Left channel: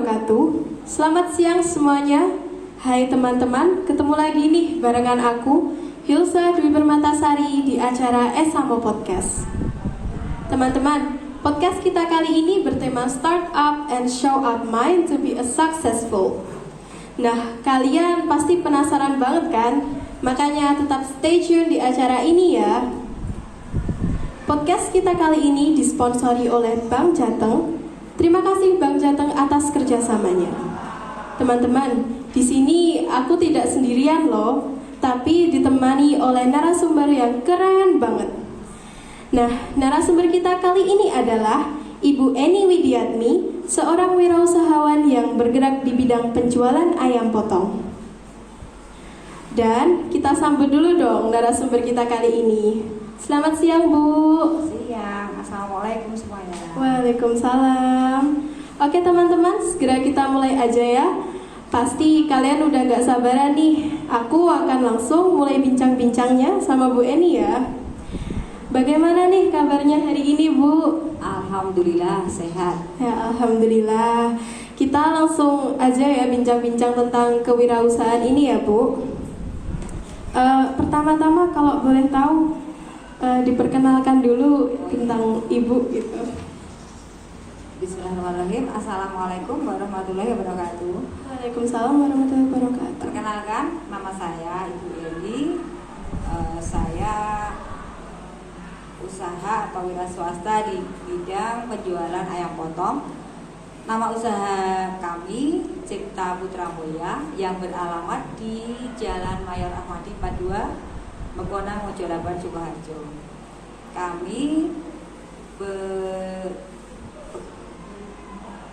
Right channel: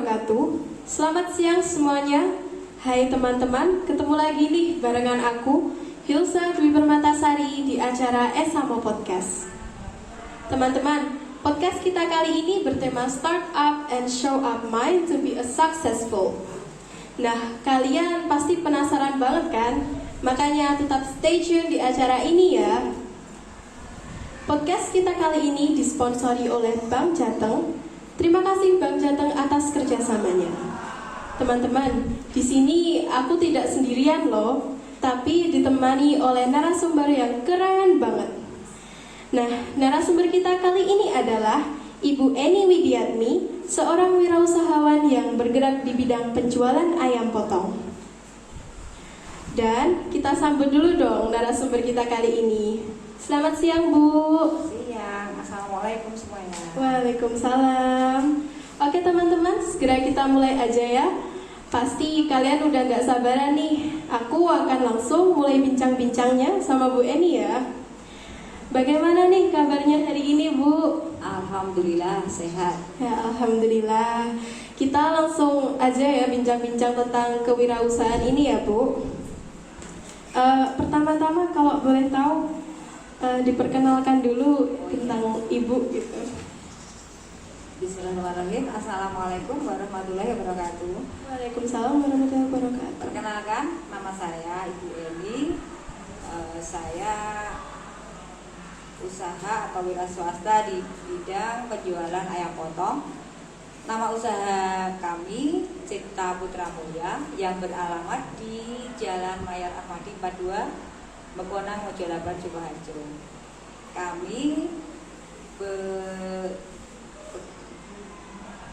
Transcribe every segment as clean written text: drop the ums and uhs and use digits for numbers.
wabarakatuh. Selamat siang semuanya. Hai teman-teman, ketemu lagi nih barengan aku, Hilsa Dwi Permatasari di acara Esamo Podcast. Teman-teman, podcast kita kali ini bertema Start Up and Show Up Mind to be a Successful. Nah, kalian pasti penasaran banget kan? Makanya tetap stay tune di acara ini ya. Podcast kita kali ini disponsori oleh Bank Jateng. Terima kasih Bank Jateng atas kerjasamanya. Teman-teman, di sini aku tidak sendirian loh, tapi ditemani oleh narasumber yang keren banget. Nah, narasumber kita kali ini adalah Ibu Eni Widiatmi, seorang wirausahawan yang bergerak di bidang penjualan ayam potong. Dan kita sambut dulu dong narasumber kita kali ini. Selamat siang Bu. Siang, assalamualaikum semuanya. Waalaikumsalam. Oke teman-teman, segera kita mulai aja ya. Pasti kalian udah gak sabaran nih. Aku akan langsung mulai bincang-bincangnya sama Bu Eni ya. Bagaimana nih kabarnya hari ini Bu? Alhamdulillah sehat. Ya alhamdulillah. Kita langsung aja ya bincang-bincang tentang kewirausahaan ini ya Bu. Pertama-tama kalau boleh tahu, diperkenalkan dulu tentang Ibu gitu. Bismillahirrahmanirrahim. Assalamualaikum warahmatullahi wabarakatuh. Waalaikumsalam warahmatullahi wabarakatuh. Perkenalkan, nama saya Ibu Eni. Saya usaha atau wira swasta di bidang penjualan ayam potong. Nama usaha kami Cipta Putra Mulya yang beralamat di Jalan Mayor Ahmadi 42, Mekonang, Mojolaban, Sukoharjo. Kami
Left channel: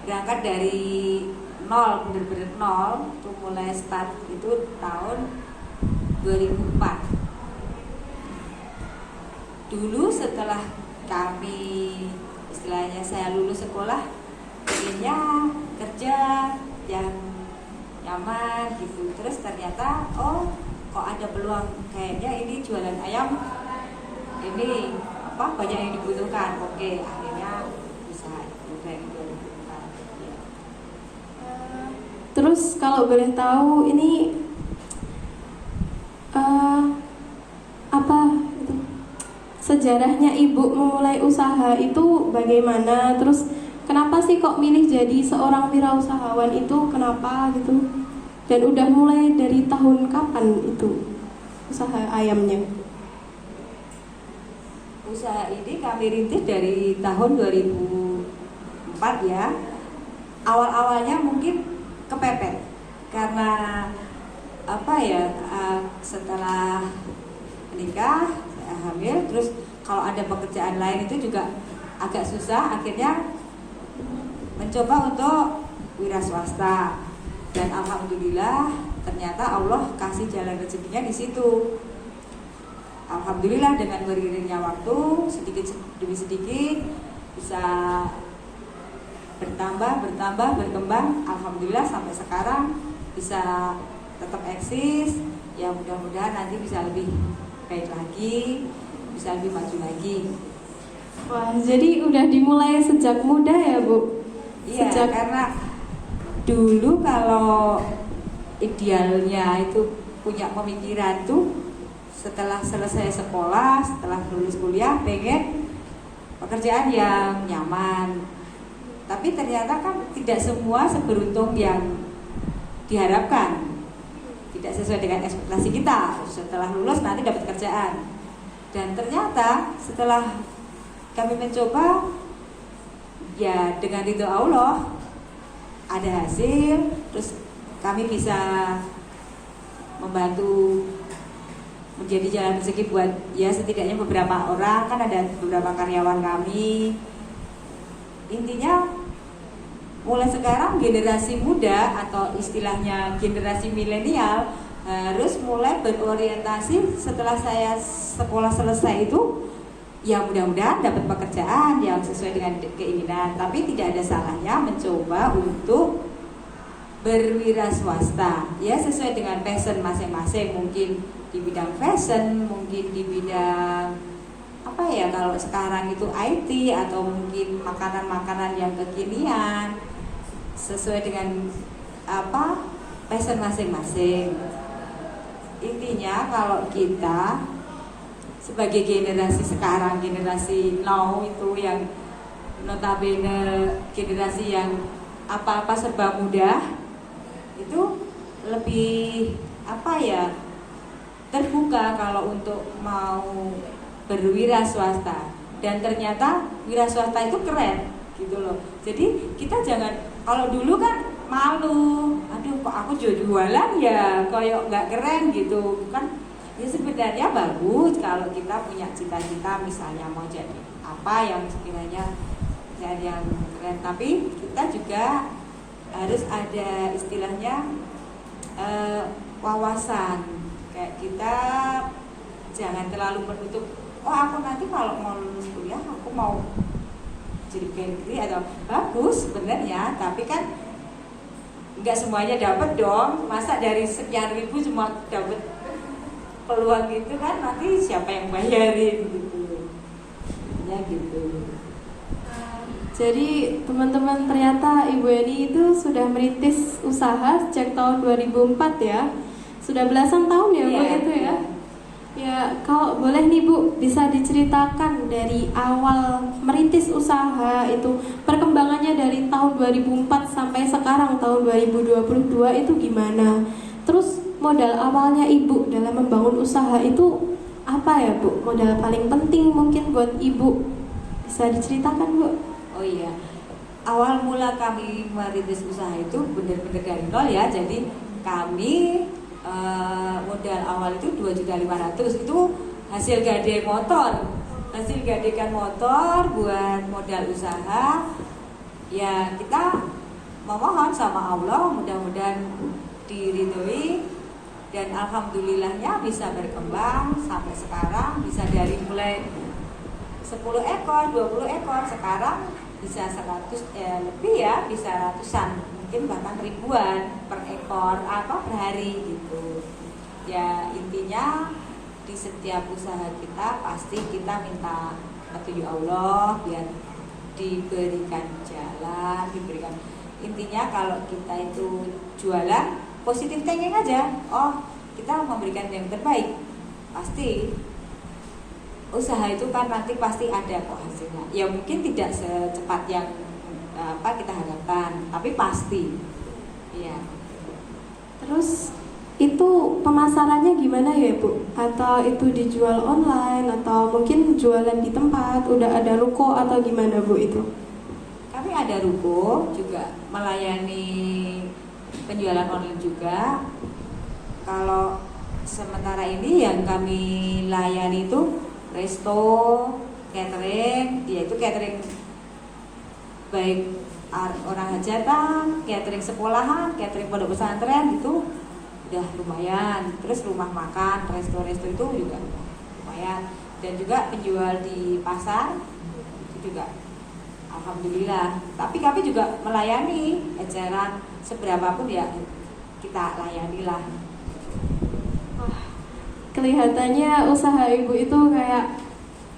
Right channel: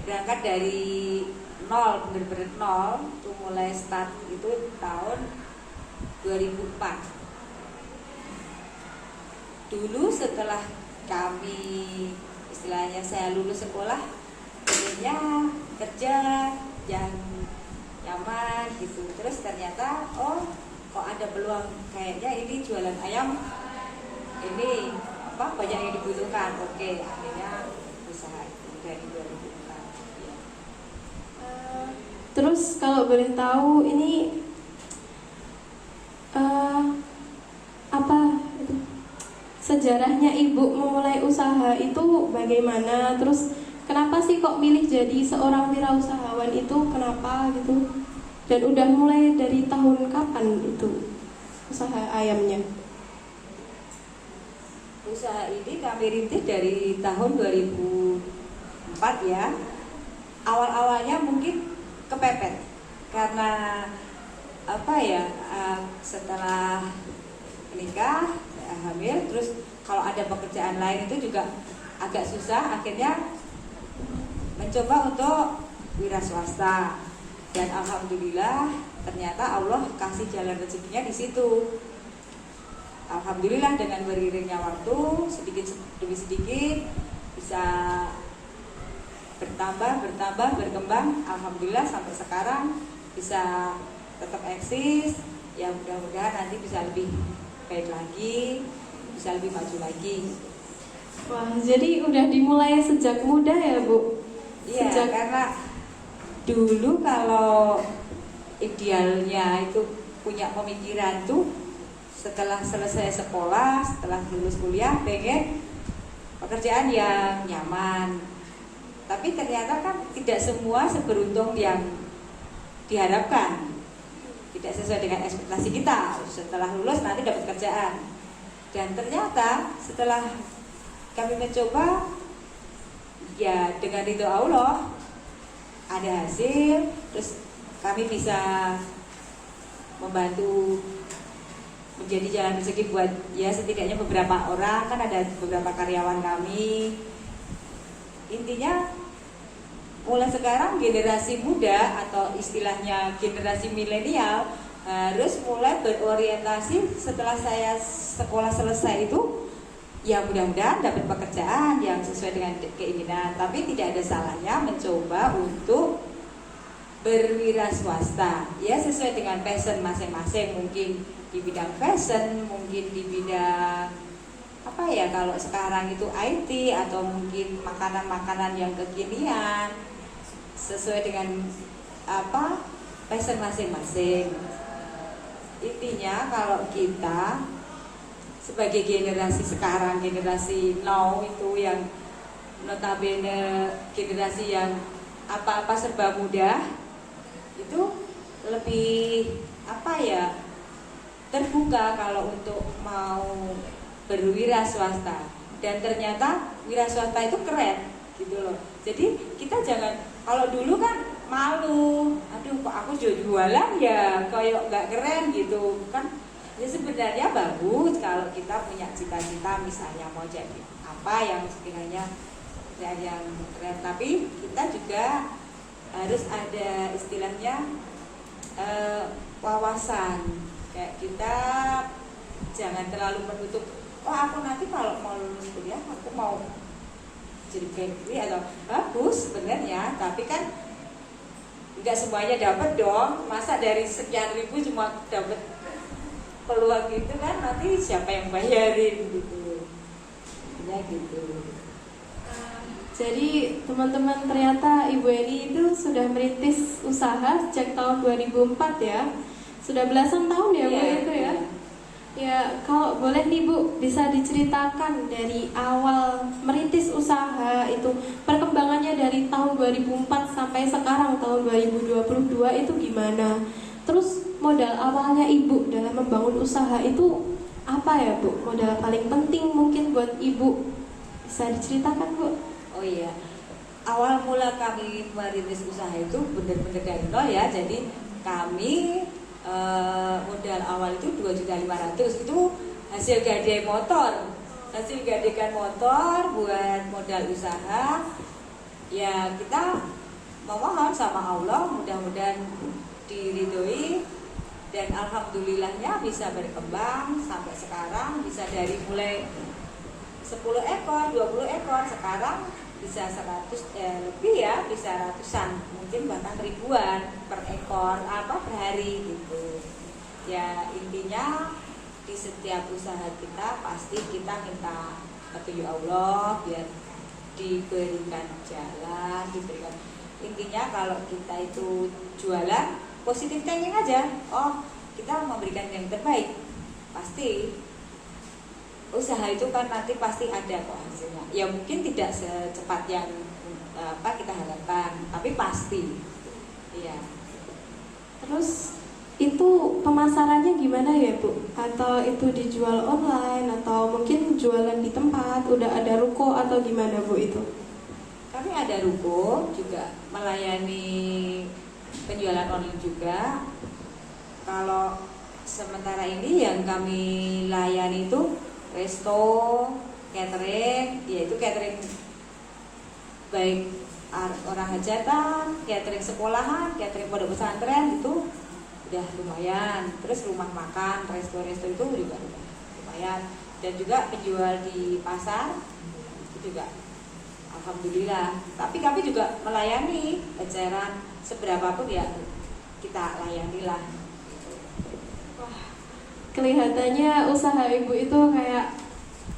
berangkat dari nol, benar-benar nol, itu mulai start itu tahun 2004. Dulu setelah kami, istilahnya saya lulus sekolah, intinya kerja yang nyaman gitu. Terus ternyata kok ada peluang, kayaknya ini jualan ayam ini banyak yang dibutuhkan. Oke, akhirnya usaha itu dari 2004 ya. Terus kalau boleh tahu ini apa itu sejarahnya Ibu memulai usaha itu bagaimana? Terus kenapa sih kok milih jadi seorang wirausahawan itu? Kenapa gitu? Dan udah mulai dari tahun kapan itu usaha ayamnya? Usaha ini kami rintis dari tahun 2004 ya. Awal-awalnya mungkin kepepet karena setelah menikah, saya hamil, terus kalau ada pekerjaan lain itu juga agak susah. Akhirnya mencoba untuk wira swasta, dan alhamdulillah ternyata Allah kasih jalan rezekinya di situ. Alhamdulillah dengan beriringnya waktu sedikit demi sedikit bisa berkembang. Alhamdulillah sampai sekarang bisa tetap eksis. Ya mudah-mudahan nanti bisa lebih baik lagi, bisa lebih maju lagi. Wah, jadi udah dimulai sejak muda ya Bu? Iya, karena dulu kalau idealnya itu punya pemikiran tuh setelah selesai sekolah, setelah lulus kuliah pengen pekerjaan yang nyaman. Tapi ternyata kan tidak semua seberuntung yang diharapkan. Tidak sesuai dengan ekspektasi kita. Setelah lulus nanti dapat kerjaan. Dan ternyata setelah kami mencoba, ya dengan ridho Allah ada hasil, terus kami bisa membantu menjadi jalan rezeki buat ya setidaknya beberapa orang, kan ada beberapa karyawan kami. Intinya mulai sekarang generasi muda atau istilahnya generasi milenial harus mulai berorientasi setelah saya sekolah selesai itu, ya mudah-mudahan dapat pekerjaan yang sesuai dengan keinginan. Tapi tidak ada salahnya mencoba untuk berwira swasta, ya sesuai dengan passion masing-masing. Mungkin di bidang fashion, mungkin di bidang kalau sekarang itu IT, atau mungkin makanan-makanan yang kekinian. sesuai dengan apa passion masing-masing. Intinya kalau kita sebagai generasi sekarang, generasi now itu yang notabene generasi yang apa-apa serba mudah, itu lebih apa ya, terbuka kalau untuk mau berwira swasta. Dan ternyata wira swasta itu keren gitu loh. Jadi kita jangan, kalau dulu kan malu, aduh kok aku jualan ya kayak nggak keren gitu kan. Ya sebenarnya bagus kalau kita punya cita-cita misalnya mau jadi apa yang sekiranya yang keren, tapi kita juga harus ada istilahnya wawasan. Kayak kita jangan terlalu menutup, oh aku nanti kalau mau lulus kuliah aku mau jadi negeri atau bagus sebenarnya, tapi kan nggak semuanya dapat dong. Masa dari sekian ribu cuma dapat peluang gitu kan, nanti siapa yang bayarin gitu ya gitu. Jadi teman-teman, ternyata Ibu Eni itu sudah merintis usaha sejak tahun 2004 ya. Sudah belasan tahun ya Bu itu ya. Ya, kalau boleh nih Bu, bisa diceritakan dari awal merintis usaha itu, perkembangannya dari tahun 2004 sampai sekarang tahun 2022 itu gimana? Terus modal awalnya Ibu dalam membangun usaha itu apa ya Bu? Modal paling penting mungkin buat Ibu, bisa diceritakan Bu? Oh iya, awal mula kami merintis usaha itu benar-benar dari nol ya. Jadi kami modal awal itu 2.500.000, itu hasil gadai motor, hasil gadekan motor buat modal usaha. Ya kita memohon sama Allah mudah-mudahan diridhoi, dan alhamdulillahnya bisa berkembang sampai sekarang, bisa dari mulai 10 ekor, 20 ekor, sekarang bisa 100 lebih ya, bisa ratusan, mungkin bahkan ribuan per ekor apa per hari gitu. Ya intinya di setiap usaha kita pasti kita minta petunjuk Allah biar diberikan jalan, diberikan. Intinya kalau kita itu jualan positif thinking aja. Oh, kita memberikan yang terbaik. Pasti usaha itu kan nanti pasti ada kok hasilnya. Ya mungkin tidak secepat yang apa kita harapkan, tapi pasti. Iya. Terus itu pemasarannya gimana ya Bu? Atau itu dijual online atau mungkin jualan di tempat, udah ada ruko atau gimana Bu itu? Kami ada ruko juga, melayani penjualan online juga. Kalau sementara ini yang kami layani itu resto, catering, yaitu catering baik orang hajatan, catering sekolahan, catering pondok pesantren itu udah lumayan. Terus rumah makan, resto-resto itu juga lumayan. Dan juga penjual di pasar itu juga alhamdulillah. Tapi kami juga melayani eceran seberapapun ya kita layani lah. Kelihatannya usaha Ibu itu kayak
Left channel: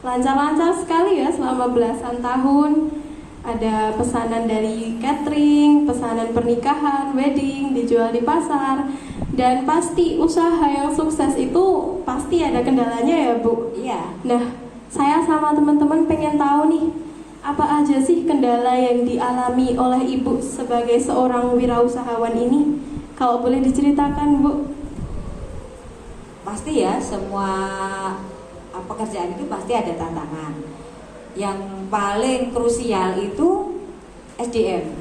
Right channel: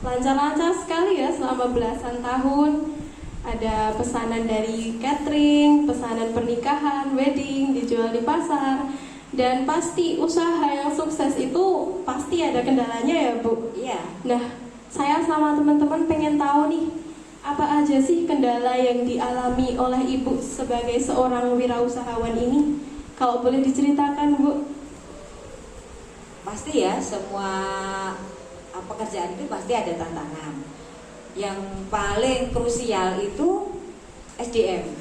lancar-lancar sekali ya selama belasan tahun. Ada pesanan dari catering, pesanan pernikahan, wedding, dijual di pasar. Dan pasti usaha yang sukses itu pasti ada kendalanya ya Bu? Iya. Nah, saya sama teman-teman pengen tahu nih, apa aja sih kendala yang dialami oleh Ibu sebagai seorang wirausahawan ini? Kalau boleh diceritakan Bu. Pasti ya, semua pekerjaan itu pasti ada tantangan. Yang paling krusial itu SDM.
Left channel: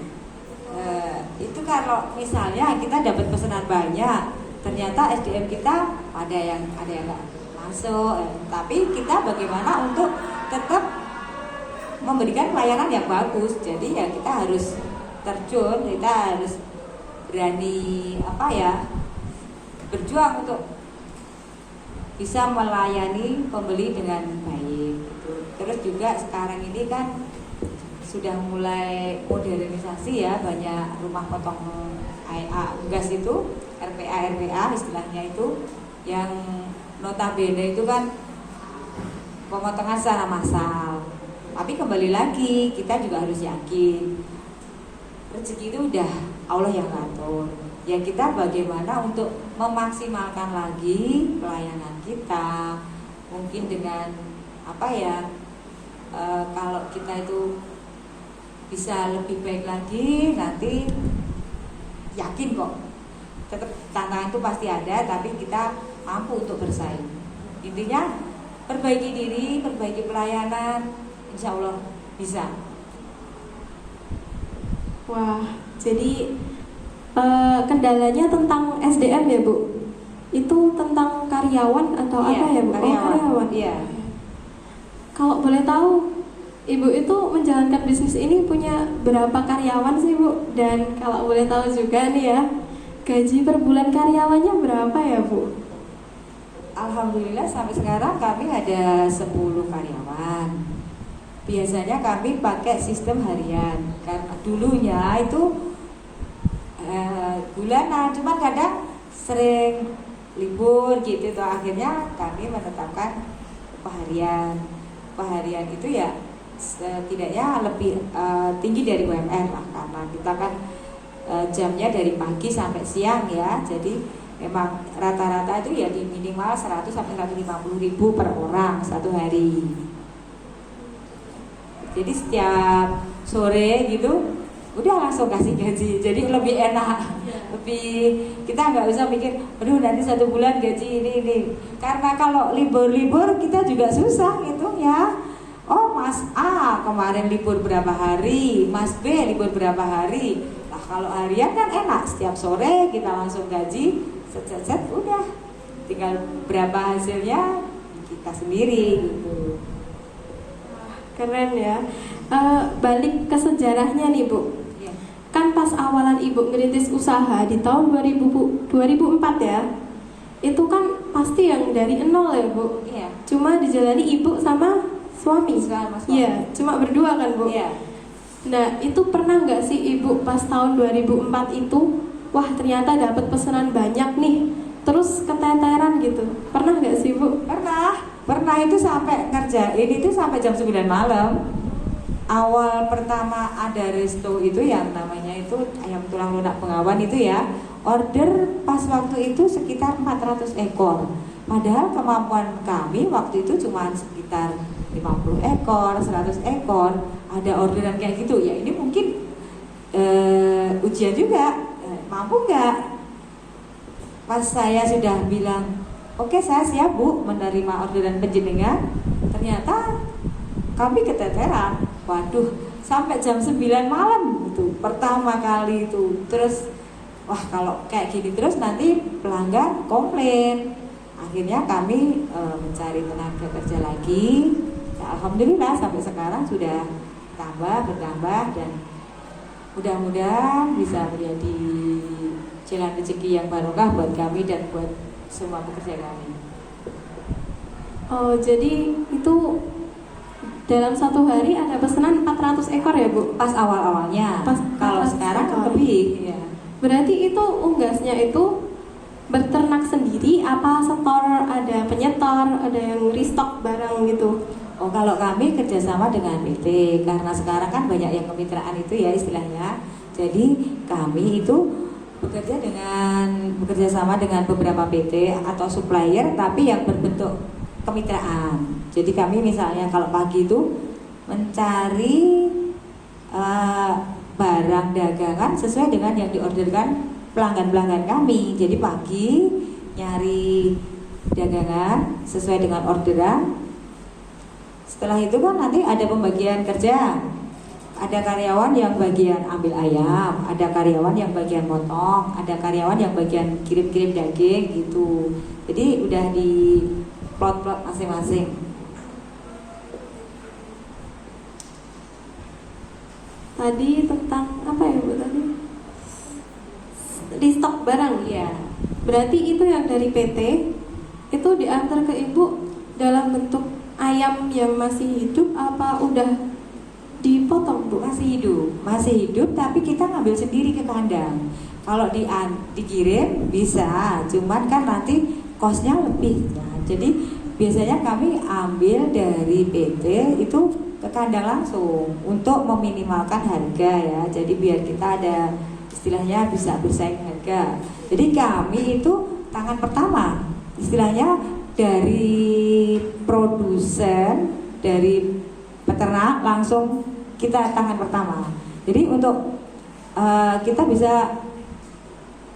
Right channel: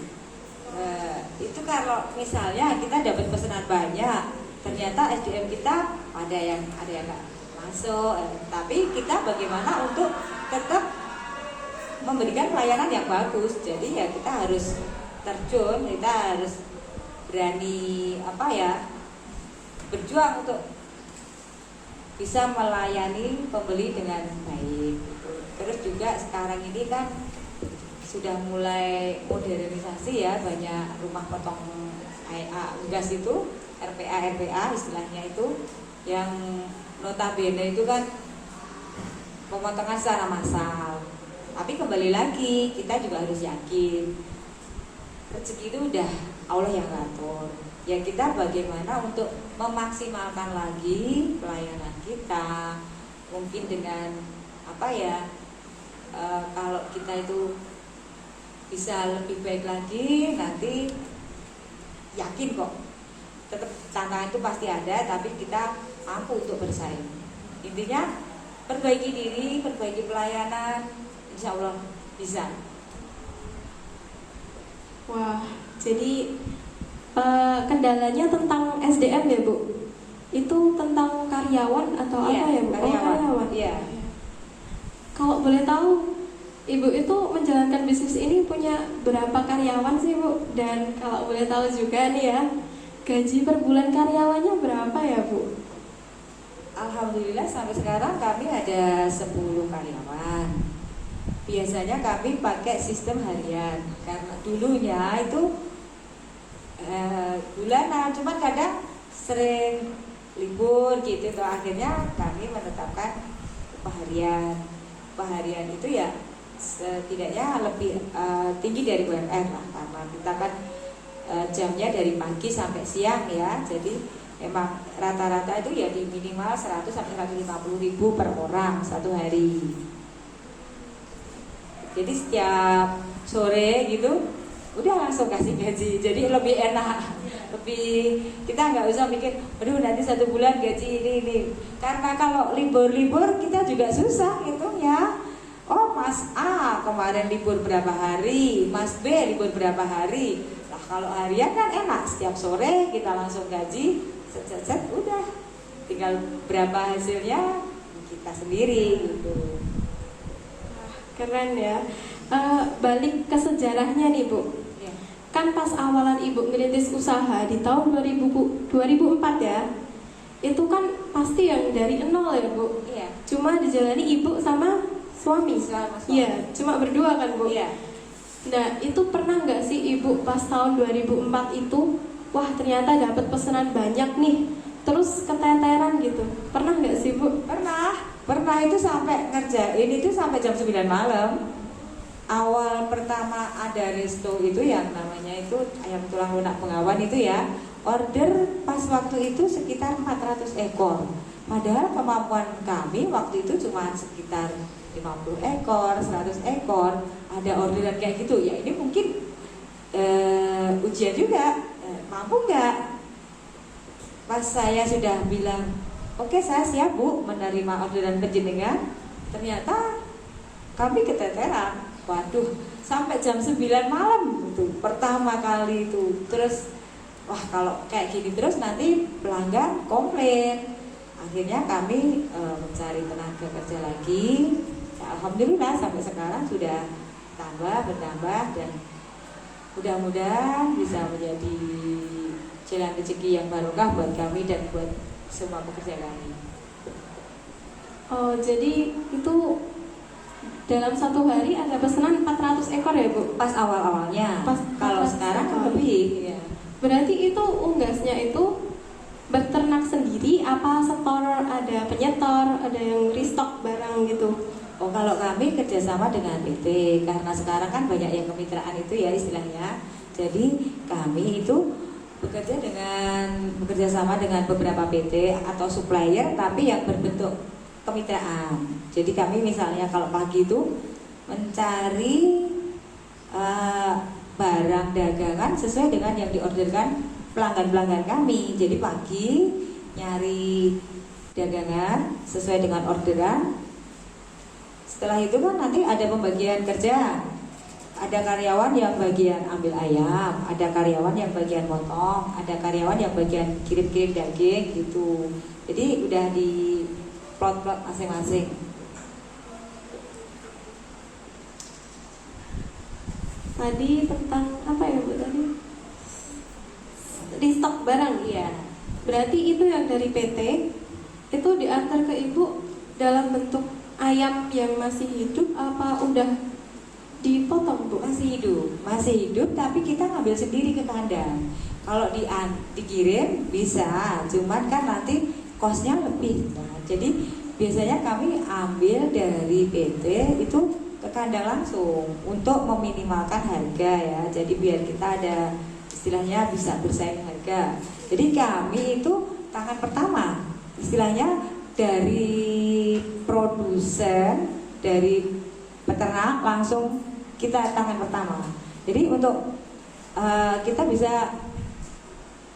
Itu kalau misalnya kita dapat pesanan banyak, ternyata SDM kita ada yang nggak masuk, tapi kita bagaimana untuk tetap memberikan pelayanan yang bagus. Jadi ya kita harus terjun, kita harus berani berjuang untuk bisa melayani pembeli dengan baik. Terus juga sekarang ini kan sudah mulai modernisasi ya, banyak rumah potong gas itu, RPA istilahnya itu, yang notabene itu kan pemotongan secara massal. Tapi kembali lagi kita juga harus yakin rezeki itu udah Allah yang ngatur. Ya kita bagaimana untuk memaksimalkan lagi pelayanan kita, mungkin dengan apa ya, kalau kita itu bisa lebih baik lagi, nanti yakin kok tetap tantangan itu pasti ada, tapi kita mampu untuk bersaing. Intinya perbaiki diri, perbaiki pelayanan, insya Allah bisa. Wah, jadi kendalanya tentang SDM ya Bu? Itu tentang karyawan atau Iya, apa ya Bu? karyawan. Iya. Kalau boleh tahu, Ibu itu menjalankan bisnis ini punya berapa karyawan sih Bu? Dan kalau boleh tahu juga nih ya, gaji per bulan karyawannya berapa ya Bu? Alhamdulillah sampai sekarang kami ada 10 karyawan. Biasanya kami pakai sistem harian, karena dulunya itu bulanan, cuma kadang sering libur gitu tuh, akhirnya kami menetapkan upah harian. Upah harian itu ya setidaknya lebih tinggi dari UMR lah, karena kita kan jamnya dari pagi sampai siang ya, jadi memang rata-rata itu ya di minimal 100 sampai 150 ribu per orang satu hari. Jadi setiap sore gitu udah langsung kasih gaji, jadi lebih enak, lebih kita nggak usah mikir, aduh nanti 1 bulan gaji ini. Karena kalau libur-libur kita juga susah gitu ya. Oh Mas A kemarin libur berapa hari, Mas B libur berapa hari. Nah kalau harian kan enak, setiap sore kita langsung gaji, set udah, tinggal berapa hasilnya kita sendiri gitu. Keren ya. Balik ke sejarahnya nih Bu. Ya. Kan pas awalan Ibu ngerintis usaha di tahun 2004 ya, itu kan pasti yang dari nol ya Bu. Iya. Cuma dijalani Ibu sama suami. Sama suami. Iya, cuma berdua kan Bu. Iya. Nah itu pernah nggak sih Ibu pas tahun 2004 itu, wah ternyata dapat pesanan banyak nih, terus keteteran gitu? Pernah nggak sih Bu? Pernah itu sampai ngerjain itu sampai jam 9 malam. Awal pertama ada resto itu yang namanya itu ayam tulang lunak Bengawan itu ya, order pas waktu itu sekitar 400 ekor. Padahal kemampuan kami waktu itu cuma sekitar 50 ekor, 100 ekor. Ada orderan kayak gitu. Ya ini mungkin ujian juga, mampu nggak? Pas saya sudah bilang, oke saya siap Bu menerima orderan penjenengan, ternyata kami keteteran. Waduh, sampai jam 9 malam itu pertama kali itu. Terus wah kalau kayak gini terus nanti pelanggan komplain. Akhirnya kami mencari tenaga kerja lagi. Ya, alhamdulillah sampai sekarang sudah bertambah dan mudah-mudahan bisa menjadi jalan rezeki yang barokah buat kami dan buat semua pekerja kami. Oh jadi itu dalam satu hari ada pesanan 400 ekor ya Bu? Pas awal-awalnya. Kalau sekarang kan lebih ya. Berarti itu unggasnya itu berternak sendiri apa setor, ada penyetor, ada yang restock barang gitu? Oh kalau kami kerjasama dengan PT, karena sekarang kan banyak yang kemitraan itu ya istilahnya. Jadi kami itu bekerja sama dengan beberapa PT atau supplier, tapi yang berbentuk kemitraan. Jadi kami misalnya kalau pagi itu mencari barang dagangan sesuai dengan yang diorderkan pelanggan-pelanggan kami. Jadi pagi nyari dagangan sesuai dengan orderan. Setelah itu kan nanti ada pembagian kerja. Ada karyawan yang bagian ambil ayam, ada karyawan yang bagian potong, ada karyawan yang bagian kirim-kirim daging gitu. Jadi udah di plot-plot masing-masing. Tadi tentang apa ya Bu tadi? Restock barang. Iya. Berarti itu yang dari PT itu diantar ke Ibu dalam bentuk ayam yang masih hidup apa udah dipotong Bu? Masih hidup tapi kita ngambil sendiri ke kandang. Kalau dikirim bisa, cuman kan nanti kosnya lebih. Nah, jadi biasanya kami ambil dari PT itu ke kandang langsung untuk meminimalkan harga ya. Jadi biar kita ada istilahnya bisa bersaing harga. Jadi kami itu tangan pertama istilahnya dari produsen, dari peternak langsung kita tangan pertama. Jadi untuk kita bisa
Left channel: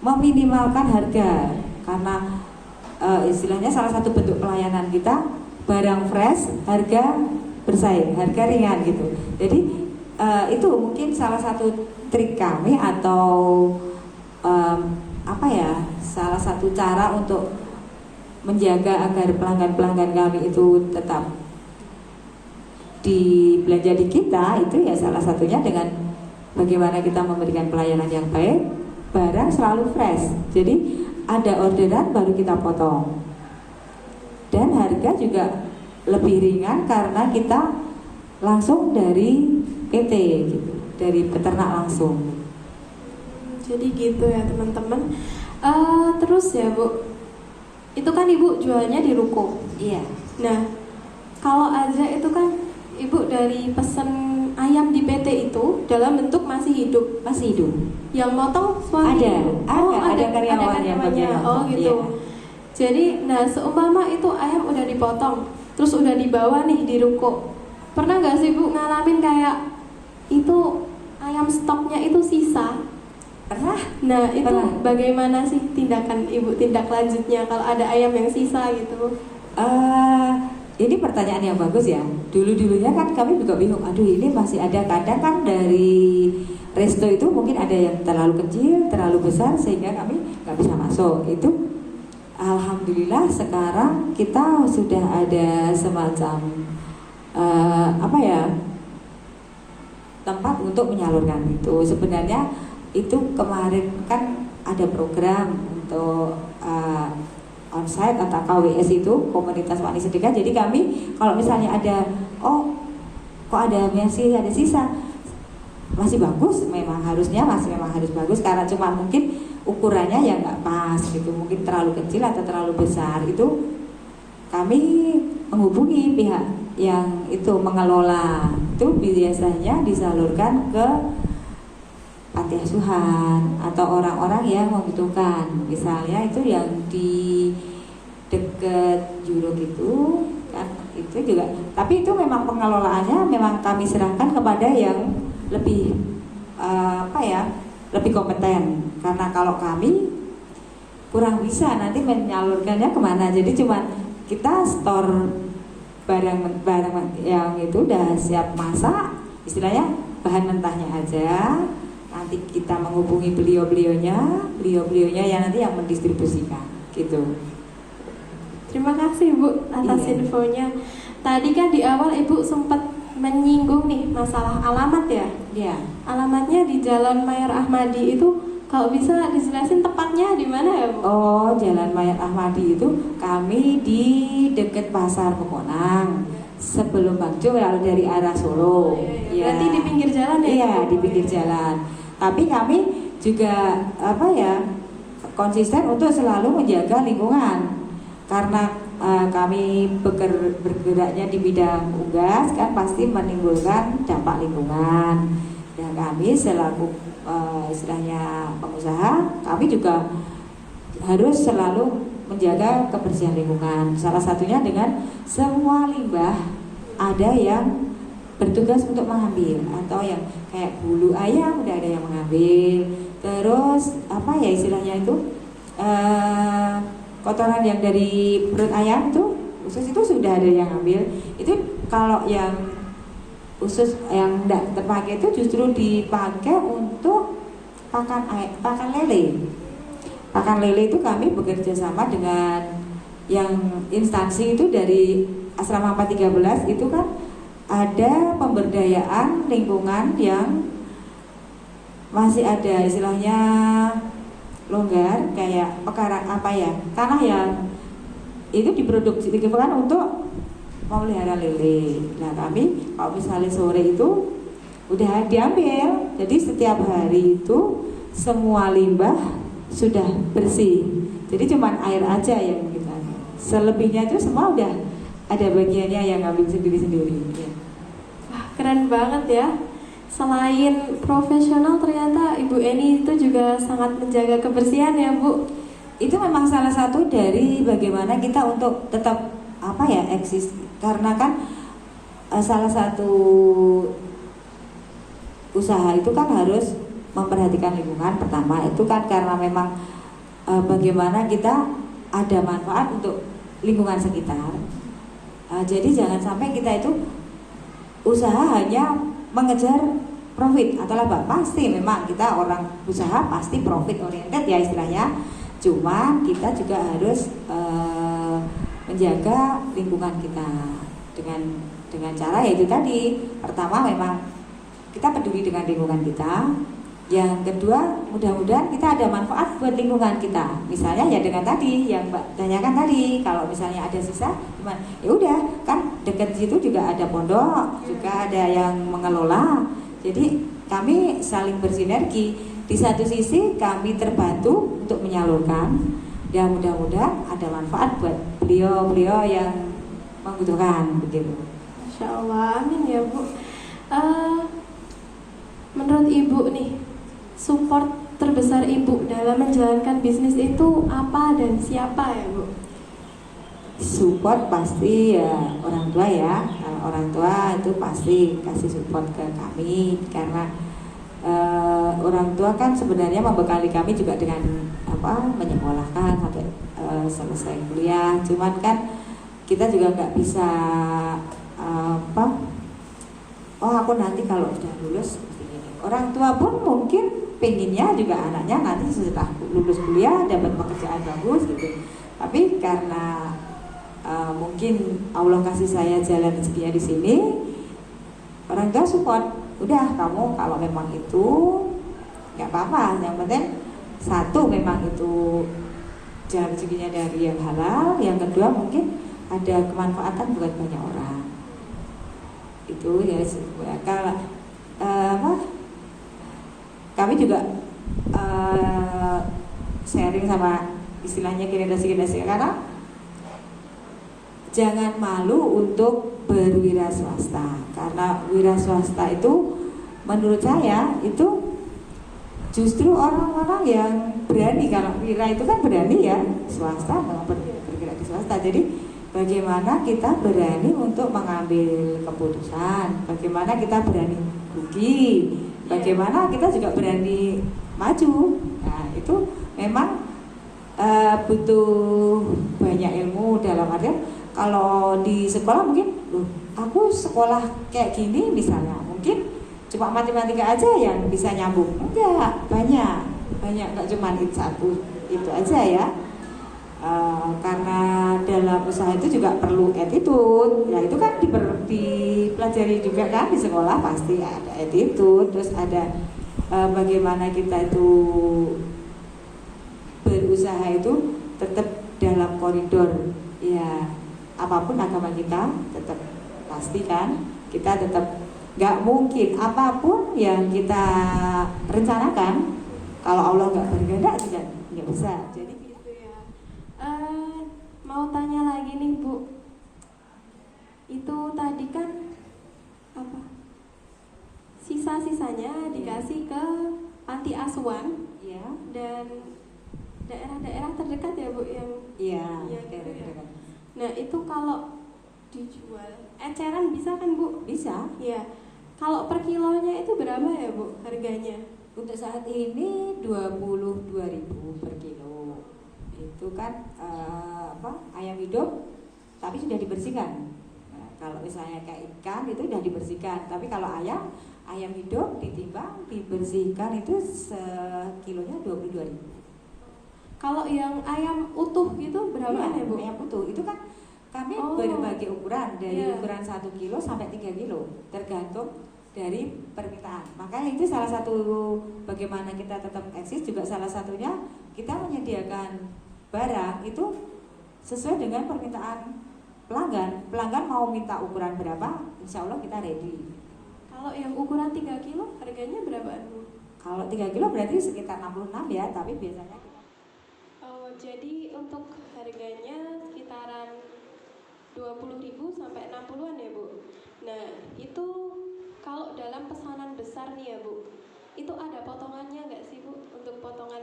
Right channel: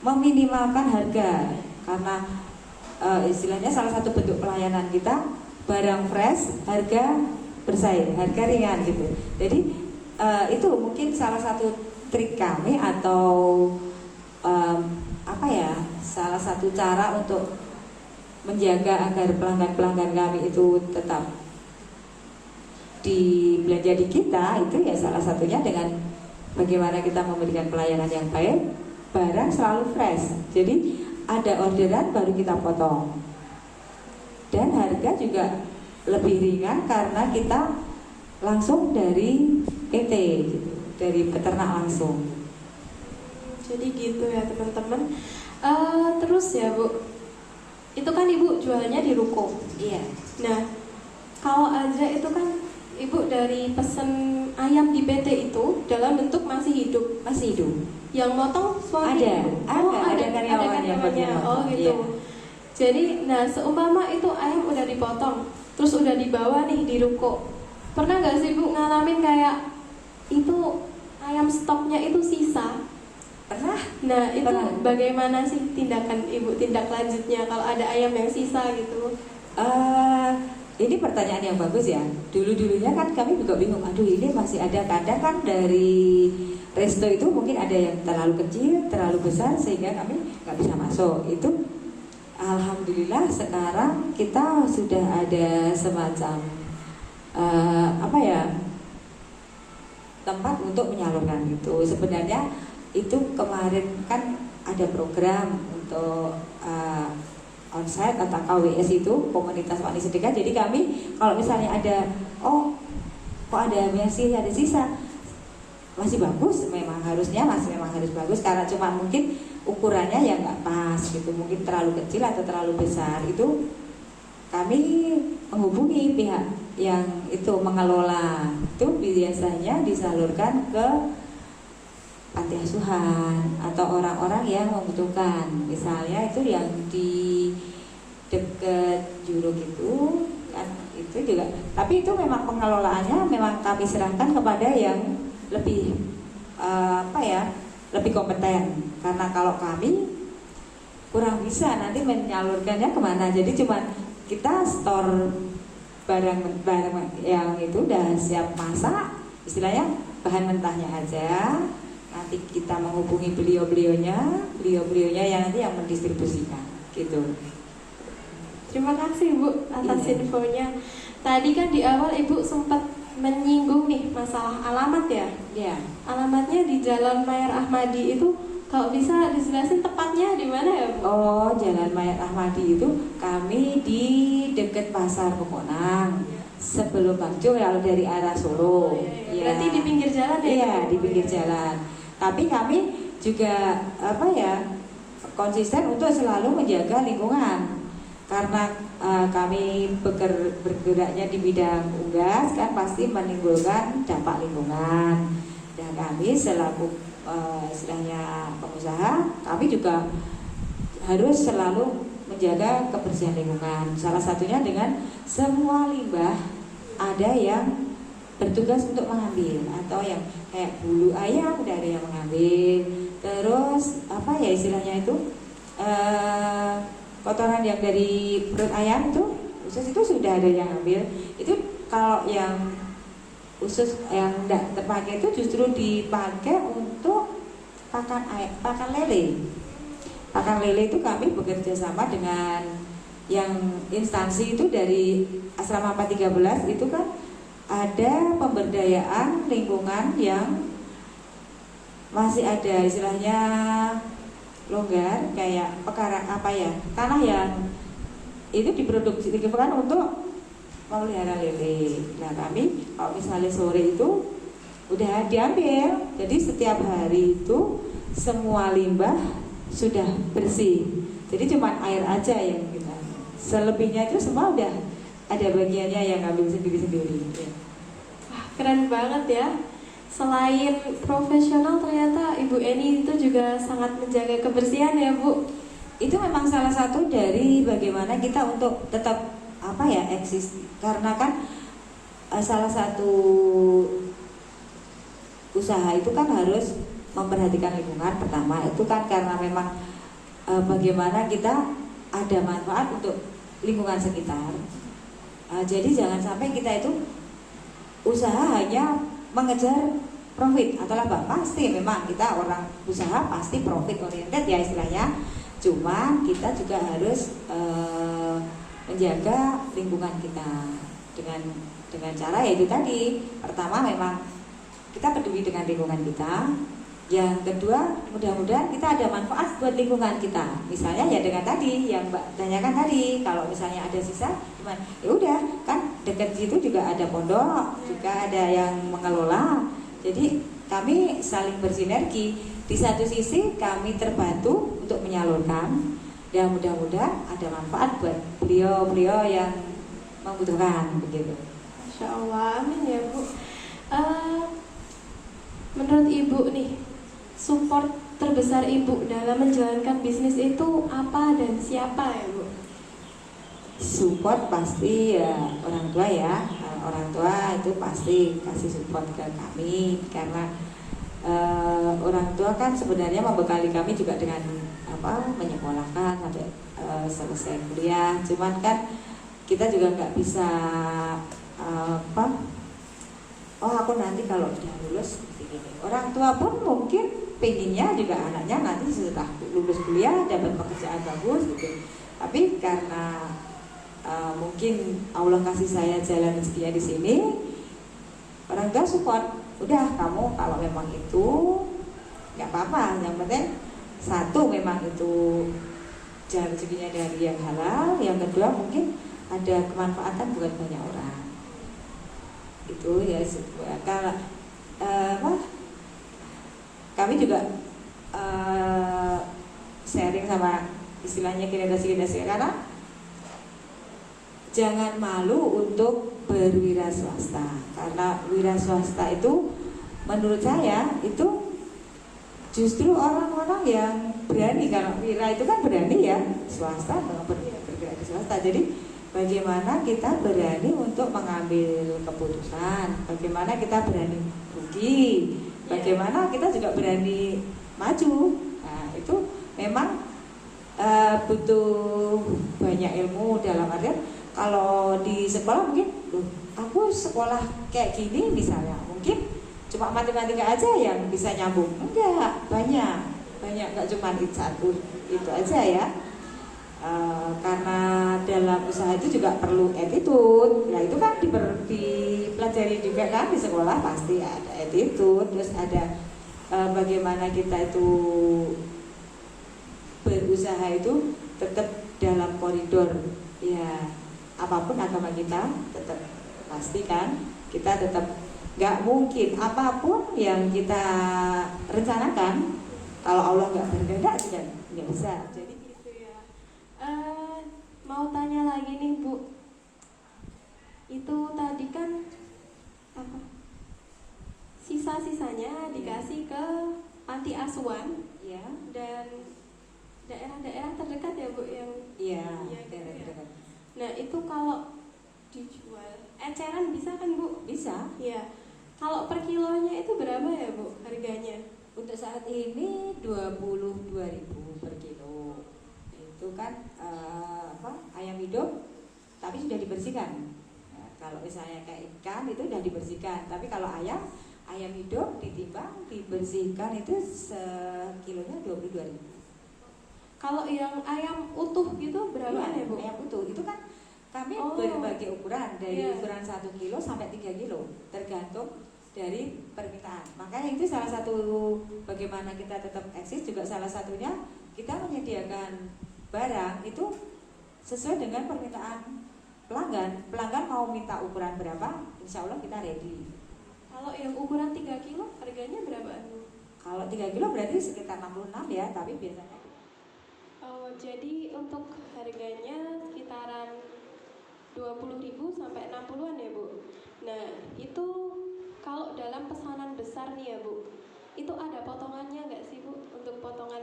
meminimalkan harga karena istilahnya salah satu bentuk pelayanan kita barang fresh, harga bersaing, harga ringan gitu. Jadi itu mungkin salah satu trik kami atau salah satu cara untuk menjaga agar pelanggan-pelanggan kami itu tetap belanja di kita, itu ya salah satunya dengan bagaimana kita memberikan pelayanan yang baik, barang selalu fresh. Jadi ada orderan baru kita potong. Dan harga juga lebih ringan karena kita langsung dari PT gitu, dari peternak langsung. Jadi gitu ya teman-teman. Terus ya Bu, itu kan Ibu jualnya di ruko. Iya. Nah, kalau aja itu kan Ibu dari pesen ayam di PT itu dalam bentuk masih hidup. Masih hidup. Yang motong suami Ada, Ibu? ada karyawan yang bagian Oh motong, gitu. iya. Jadi, nah seumpama itu ayam udah dipotong, terus udah dibawa nih di ruko. Pernah nggak sih Bu ngalamin kayak itu ayam stoknya itu sisa? Pernah? Nah itu Pernah. bagaimana sih tindakan Ibu, tindak lanjutnya kalau ada ayam yang sisa gitu? Ini pertanyaan yang bagus ya. Dulu-dulunya kan kami juga bingung. Aduh ini masih ada, kadang kan dari resto itu mungkin ada yang terlalu kecil, terlalu besar sehingga kami nggak bisa masuk. Itu alhamdulillah sekarang kita sudah ada semacam tempat untuk menyalurkan itu. Sebenarnya itu kemarin kan ada program untuk onsite atau KWS itu komunitas wani sedekah. Jadi kami kalau misalnya ada kok ada masih ada sisa, masih bagus, memang harus bagus karena cuma mungkin ukurannya yang nggak pas gitu, mungkin terlalu kecil atau terlalu besar. Itu kami menghubungi pihak yang itu mengelola, itu biasanya disalurkan ke panti asuhan atau orang-orang yang membutuhkan. Misalnya itu yang di dekat Juruk itu kan, itu juga, tapi itu memang pengelolaannya memang kami serahkan kepada yang lebih lebih kompeten, karena kalau kami kurang bisa nanti menyalurkannya kemana. Jadi cuma kita store barang yang itu udah siap masak, istilahnya bahan mentahnya aja. Nanti kita menghubungi beliau-beliaunya yang nanti yang mendistribusikan gitu. Terima kasih Bu atas infonya. Tadi kan di awal Ibu sempat menyinggung nih masalah alamat ya. Iya. Alamatnya di Jalan Mayer Ahmadi itu, kalau bisa dijelasin tepatnya di mana ya Bu? Oh, Jalan Mayer Ahmadi itu kami di dekat Pasar Pemonang. Sebelum Bagjo ya, dari arah Solo. Ya. Berarti di pinggir jalan ya? Iya, di pinggir jalan. Tapi kami juga konsisten untuk selalu menjaga lingkungan. Karena kami bergeraknya di bidang unggas kan pasti menimbulkan dampak lingkungan. Dan kami selaku istilahnya pengusaha, kami juga harus selalu menjaga kebersihan lingkungan. Salah satunya dengan semua limbah ada yang bertugas untuk mengambil, atau yang kayak bulu ayam udah ada yang mengambil. Terus istilahnya itu kotoran yang dari perut ayam itu usus itu sudah ada yang ambil. Itu kalau yang usus yang tidak terpakai itu justru dipakai untuk pakan lele. Pakan lele itu kami bekerja sama dengan yang instansi itu dari Asrama 413 itu kan ada pemberdayaan lingkungan yang masih ada istilahnya longgar, kayak tanah yang itu diproduksi digunakan untuk memelihara lele. Nah kami kalau misalnya sore itu udah diambil, jadi setiap hari itu semua limbah sudah bersih. Jadi cuma air aja yang kita, selebihnya itu semua udah ada bagiannya yang ngambil sendiri-sendiri ya. keren banget ya. Selain profesional ternyata Ibu Eni itu juga sangat menjaga kebersihan ya Bu. Itu memang salah satu dari bagaimana kita untuk tetap apa ya eksis, karena kan salah satu usaha itu kan harus memperhatikan lingkungan. Pertama itu kan karena memang bagaimana kita ada manfaat untuk lingkungan sekitar. Jadi jangan sampai kita itu usaha hanya mengejar profit atau laba. Pasti memang kita orang usaha pasti profit oriented ya istilahnya. Cuma kita juga harus menjaga lingkungan kita dengan cara yaitu tadi. Pertama memang kita peduli dengan lingkungan kita. Yang kedua, mudah-mudahan kita ada manfaat buat lingkungan kita. Misalnya ya dengan tadi yang Mbak tanyakan tadi, kalau misalnya ada sisa, gimana? Ya udah, kan dekat situ juga ada pondok, juga ada yang mengelola. Jadi kami saling bersinergi. Di satu sisi kami terbantu untuk menyalurkan, dan mudah-mudahan ada manfaat buat beliau-beliau yang membutuhkan begitu. Masya Allah, amin ya Bu. Menurut Ibu nih, support terbesar Ibu dalam menjalankan bisnis itu apa dan siapa ya Bu? Support pasti ya orang tua ya. Orang tua itu pasti kasih support ke kami karena orang tua kan sebenarnya membekali kami juga dengan menyekolahkan sampai selesai kuliah. Cuman kan kita juga nggak bisa aku nanti kalau sudah lulus seperti ini. Orang tua pun mungkin pengennya juga anaknya nanti setelah lulus kuliah dapat pekerjaan bagus gitu. Tapi karena mungkin Allah kasih saya jalan rezekinya di sini, orang tua support. Udah kamu kalau memang itu nggak apa-apa. Yang penting satu memang itu jalan rezekinya dari yang halal. Yang kedua mungkin ada kemanfaatan buat banyak orang. Itu ya kalau kami juga sharing sama istilahnya generasi sekarang, jangan malu untuk berwira swasta karena wira swasta itu menurut saya itu justru orang-orang yang berani. Kalau wira itu kan berani ya, swasta bergerak ke swasta. Jadi bagaimana kita berani untuk mengambil keputusan, bagaimana kita berani rugi, bagaimana kita juga berani maju. Nah itu memang butuh banyak ilmu. Dalam artian kalau di sekolah mungkin aku sekolah kayak gini misalnya mungkin cuma matematika aja yang bisa nyambung. Enggak, banyak nggak cuma itu satu itu aja ya. Karena dalam usaha itu juga perlu attitude. Ya itu kan dipelajari juga kan di sekolah pasti ada attitude. Terus ada bagaimana kita itu berusaha itu tetap dalam koridor ya, apapun agama kita tetap pastikan kita tetap nggak mungkin apapun yang kita rencanakan kalau Allah nggak berkehendak juga nggak bisa. Jadi gitu ya. Mau tanya lagi nih Bu, itu tadi kan apa? Sisa-sisanya dikasih ke panti asuhan ya, dan daerah-daerah terdekat ya Bu yang iya yang daerah-daerah. Nah itu kalau dijual eceran bisa kan Bu? Bisa. Iya. Kalau per kilonya itu berapa ya Bu harganya? Untuk saat ini 22.000 per kilo. Itu kan ayam hidup tapi sudah dibersihkan. Nah, kalau misalnya kayak ikan itu sudah dibersihkan, tapi kalau ayam hidup ditimbang dibersihkan itu sekilonya 22.000. Kalau yang ayam utuh gitu berapa ya Bu? Ayam utuh itu kan kami berbagai ukuran dari ukuran 1 kilo sampai 3 kilo tergantung dari permintaan. Makanya itu salah satu bagaimana kita tetap eksis juga salah satunya kita menyediakan barang itu sesuai dengan permintaan pelanggan. Pelanggan mau minta ukuran berapa, insya Allah kita ready. Kalau yang ukuran 3 kilo harganya berapa? Kalau 3 kilo berarti sekitar 66 ya, tapi biasanya. Oh, jadi untuk harganya sekitaran 20.000 sampai 60-an ya Bu. Nah itu kalau dalam pesanan besar nih ya Bu, itu ada potongannya nggak sih Bu untuk potongan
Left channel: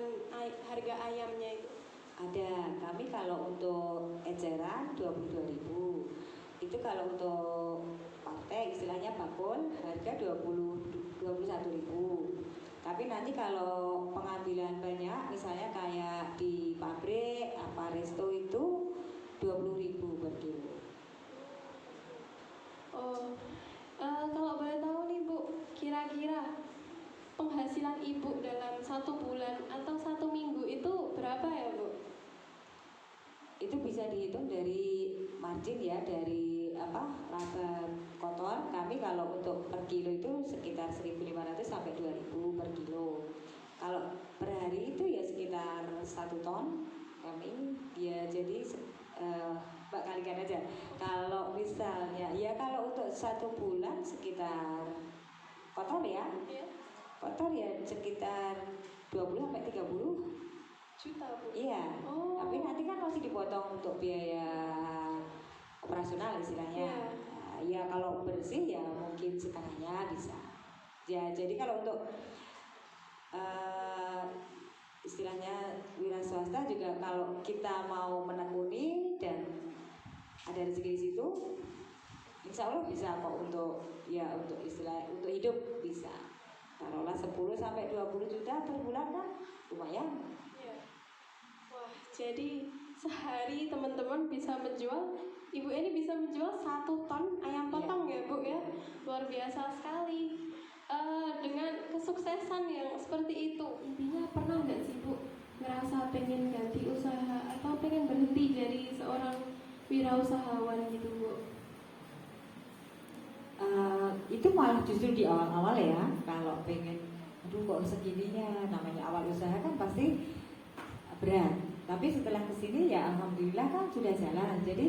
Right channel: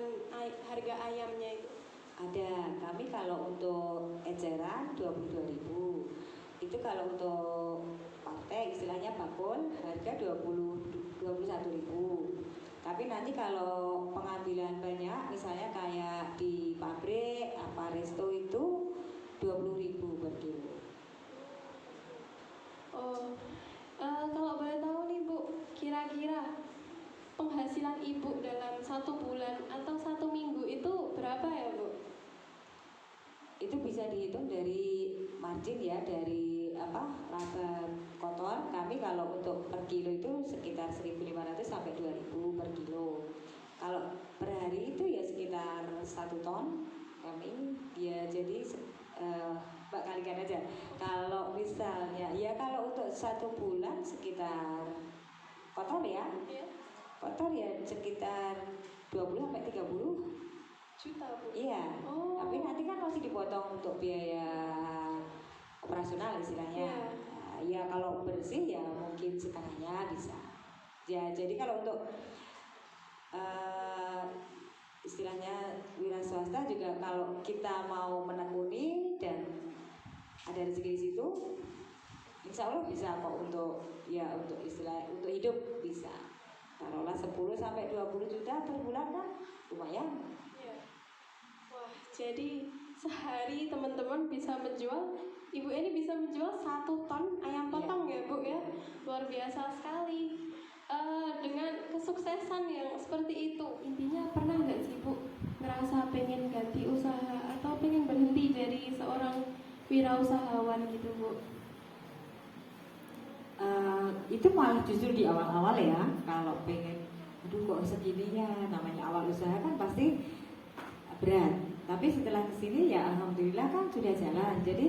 harga ayamnya itu? Ada, kami kalau untuk eceran 22.000. Itu kalau untuk partai istilahnya bakul harga 21.000. Tapi nanti kalau pengambilan banyak misalnya kayak di pabrik apa resto itu 20.000 per kilo. Oh, kalau boleh tahu nih Bu, kira-kira penghasilan Ibu dalam 1 bulan atau 1 minggu itu berapa ya Bu? Itu bisa dihitung dari margin ya, dari laba kotor. Kami kalau untuk per kilo itu sekitar 1.500 sampai 2.000 per kilo. Kalau per hari itu ya sekitar 1 ton. Kami ya jadi Mbak kalikan aja. Kalau misalnya ya kalau untuk 1 bulan sekitar kotor ya, Iya. kotor ya sekitar 20 sampai 30 Juta Bu? Iya, Oh. tapi nanti kan masih dipotong untuk biaya operasional istilahnya. Iya. Nah, ya kalau bersih ya mungkin setengahnya bisa. Ya jadi kalau untuk istilahnya wira swasta juga kalau kita mau menekuni dan ada rezeki di situ, insya Allah bisa kok untuk istilah untuk hidup bisa. Taruhlah 10 sampai 20 juta per bulan kan lumayan. Iya. Wah, jadi sehari teman-teman bisa menjual, Ibu ini bisa menjual 1 ton ayam potong ya Bu ya, luar biasa sekali. Dengan kesuksesan yang seperti itu, intinya pernah nggak sih Bu ngerasa pengen ganti usaha atau pengen berhenti dari seorang wirausahawan gitu Bu? Itu malah justru di awal-awal ya, kalau pengen aduh kok segininya, namanya awal usaha kan pasti berat. Tapi setelah kesini ya alhamdulillah kan sudah jalan. Jadi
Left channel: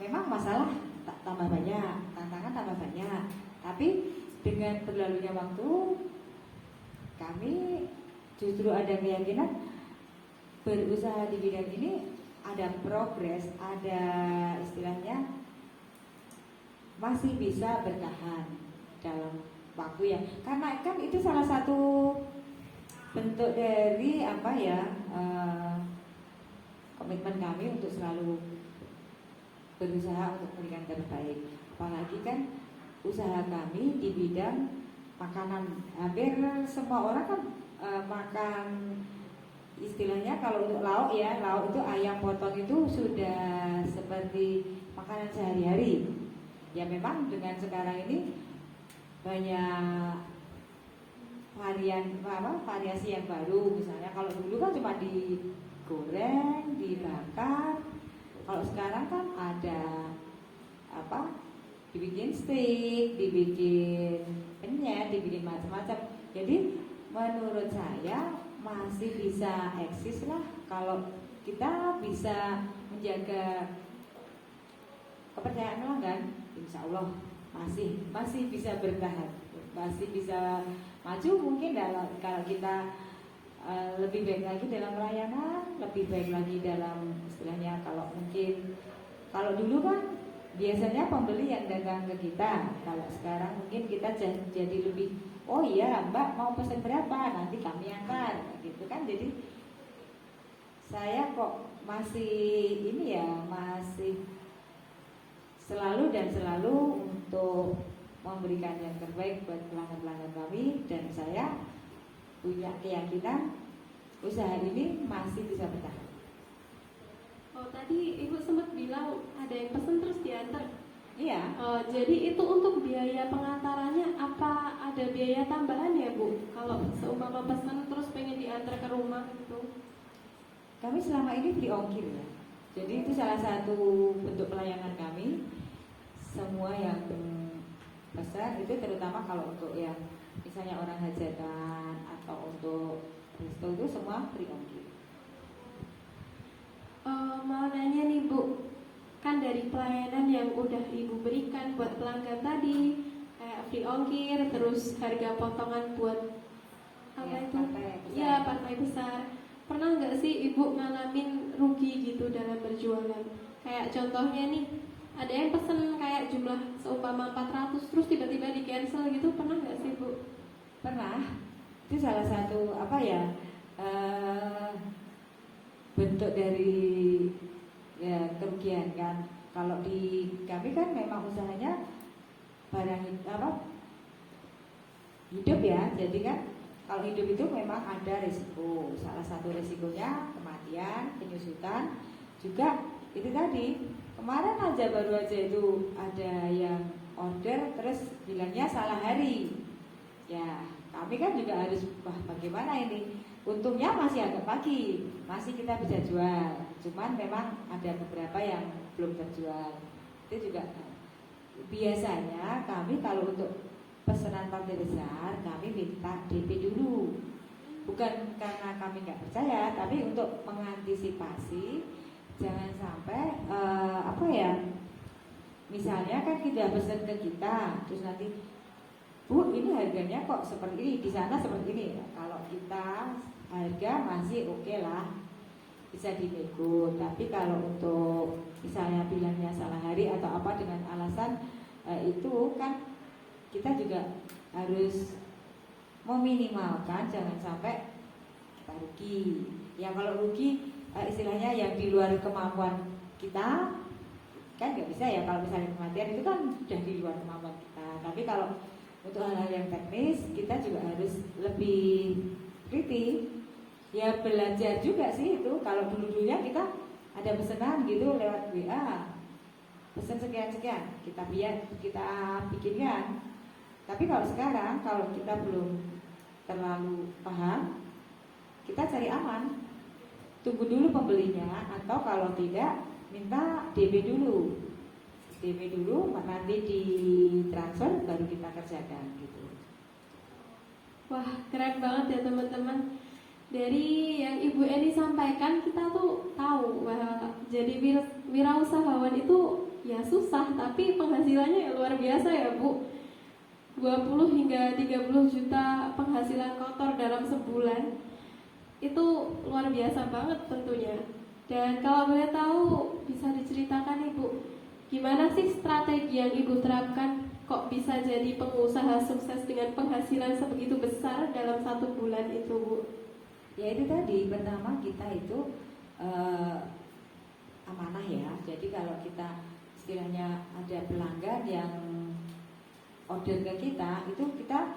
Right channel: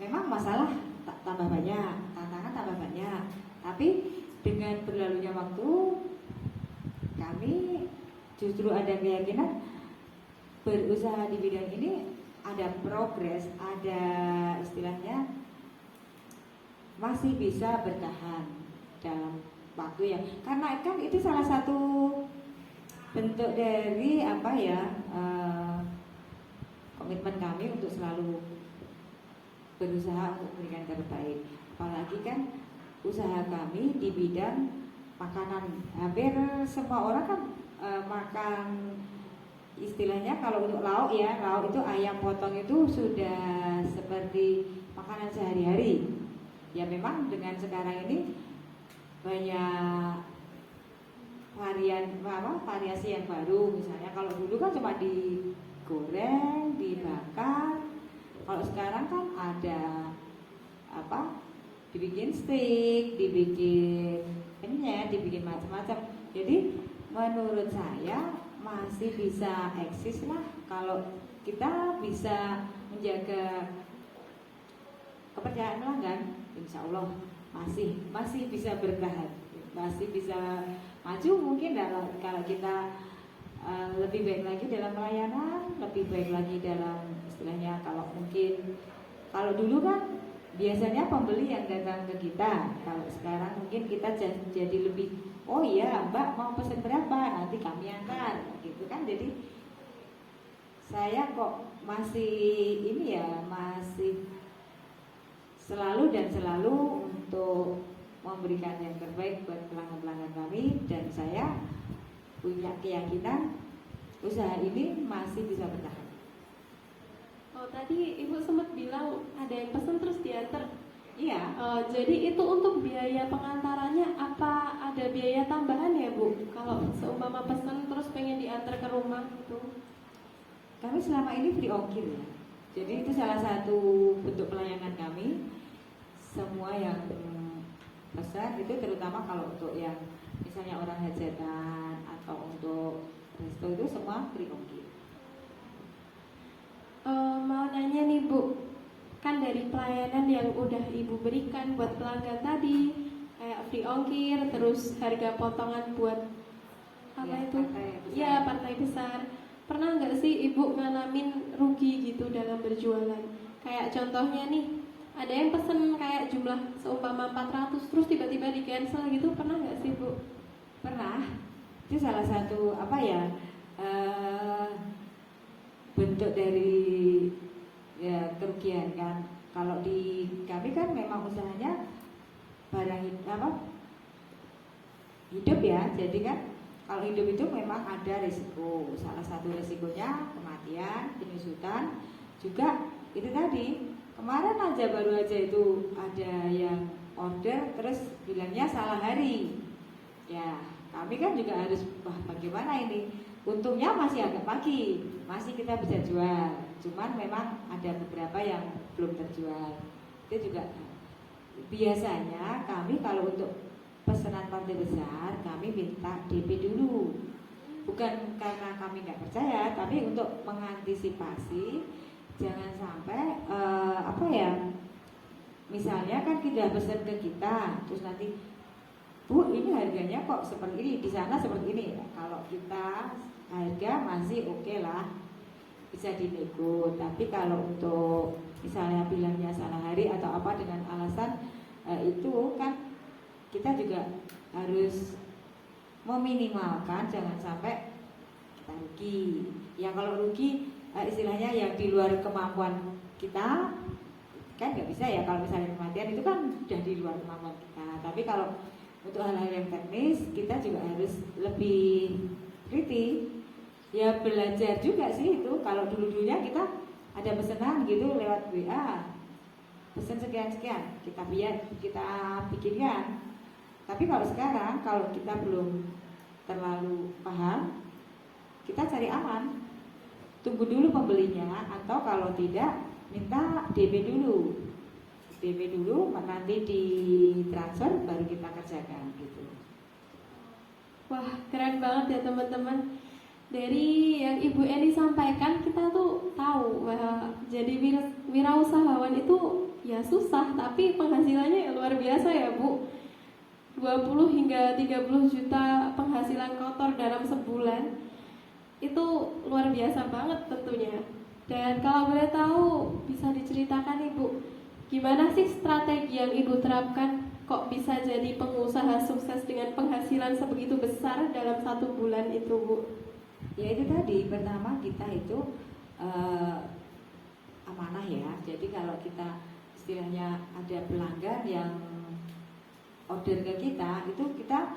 memang masalah tambah banyak, tantangan tambah banyak. Tapi dengan berlalunya waktu, kami justru ada keyakinan berusaha di bidang ini ada progres, ada istilahnya masih bisa bertahan dalam waktu ya. Karena kan itu salah satu bentuk dari komitmen kami untuk selalu berusaha untuk memberikan terbaik. Apalagi kan usaha kami di bidang makanan, hampir semua orang kan makan istilahnya kalau untuk lauk ya, lauk itu ayam potong itu sudah seperti makanan sehari-hari. Ya memang dengan sekarang ini banyak variasi yang baru. Misalnya kalau dulu kan cuma digoreng, dibakar. Kalau sekarang kan ada dibikin steak, dibikin penyet, dibikin macam-macam. Jadi menurut saya masih bisa eksis lah kalau kita bisa menjaga kepercayaan pelanggan. Insya Allah masih bisa bertahan, masih bisa maju mungkin kalau kita lebih baik lagi dalam pelayanan, lebih baik lagi dalam istilahnya kalau dulu kan biasanya pembeli yang datang ke kita. Kalau sekarang mungkin kita jadi lebih, oh iya Mbak mau pesan berapa, nanti kami antar gitu kan. Jadi saya kok masih selalu untuk memberikan yang terbaik buat pelanggan-pelanggan kami, dan saya punya keyakinan usaha ini masih bisa bertahan. Oh, tadi Ibu sempat bilang ada yang pesan terus diantar. Iya. Jadi itu untuk biaya pengantarannya apa ada biaya tambahan ya Bu? Kalau seumpama pesan terus pengen diantar ke rumah gitu? Kami selama ini free ongkir ya. Jadi itu salah satu bentuk pelayanan kami. Semua yang pesan itu terutama kalau untuk yang misalnya orang hajatan atau untuk resto itu semua free ongkir. Mau nanya nih Bu, kan dari pelayanan yang udah Ibu berikan buat pelanggan tadi, kayak free ongkir, terus harga potongan buat partai besar. Pernah nggak sih Ibu ngalamin rugi gitu dalam berjualan? Kayak contohnya nih, ada yang pesen kayak jumlah seumpama selama 400 terus tiba-tiba di cancel gitu, pernah nggak sih Bu? Pernah. Itu salah satu apa ya, bentuk dari ya kerugian kan. Kalau di kami kan memang usahanya barang apa hidup ya, jadi kan kalau hidup itu memang ada risiko. Salah satu risikonya kematian, penyusutan, juga itu tadi kemarin aja baru aja itu ada yang order terus bilangnya salah hari. Ya kami kan juga harus wah bagaimana ini. Untungnya masih agak pagi, masih kita bisa jual. Cuman memang ada beberapa yang belum terjual. Itu juga biasanya kami kalau untuk pesanan partai besar kami minta DP dulu. Bukan karena kami nggak percaya, tapi untuk mengantisipasi jangan sampai apa ya. Misalnya kan kita pesan ke kita, terus nanti Bu ini harganya kok seperti ini, di sana seperti ini. Kalau kita harga masih oke lah, bisa dinego. Tapi kalau untuk misalnya bilangnya salah hari atau apa dengan alasan itu kan kita juga harus meminimalkan jangan sampai kita rugi. Yang kalau rugi istilahnya yang di luar kemampuan kita kan nggak bisa ya. Kalau misalnya kematian itu kan sudah di luar kemampuan kita. Tapi kalau untuk hal-hal yang teknis kita juga harus lebih teliti. Ya belajar juga sih itu. Kalau dulu-dulunya kita ada pesanan gitu lewat WA, pesan sekian-sekian, kita bikinkan. Tapi kalau sekarang kalau kita belum terlalu paham, kita cari aman, tunggu dulu pembelinya, atau kalau tidak minta DP dulu. DP dulu, nanti di transfer baru kita kerjakan gitu. Wah, keren banget ya teman-teman. Dari yang Ibu Eni sampaikan, kita tuh tahu bahwa jadi wirausahawan itu ya susah, tapi penghasilannya ya luar biasa ya Bu. 20 hingga 30 juta penghasilan kotor dalam sebulan. Itu luar biasa banget tentunya. Dan kalau boleh tahu, bisa diceritakan Ibu, gimana sih strategi yang Ibu terapkan kok bisa jadi pengusaha sukses dengan penghasilan sebegitu besar dalam 1 bulan itu Bu? Ya itu tadi, pertama kita itu amanah ya. Jadi kalau kita istilahnya ada pelanggan yang order ke kita, itu kita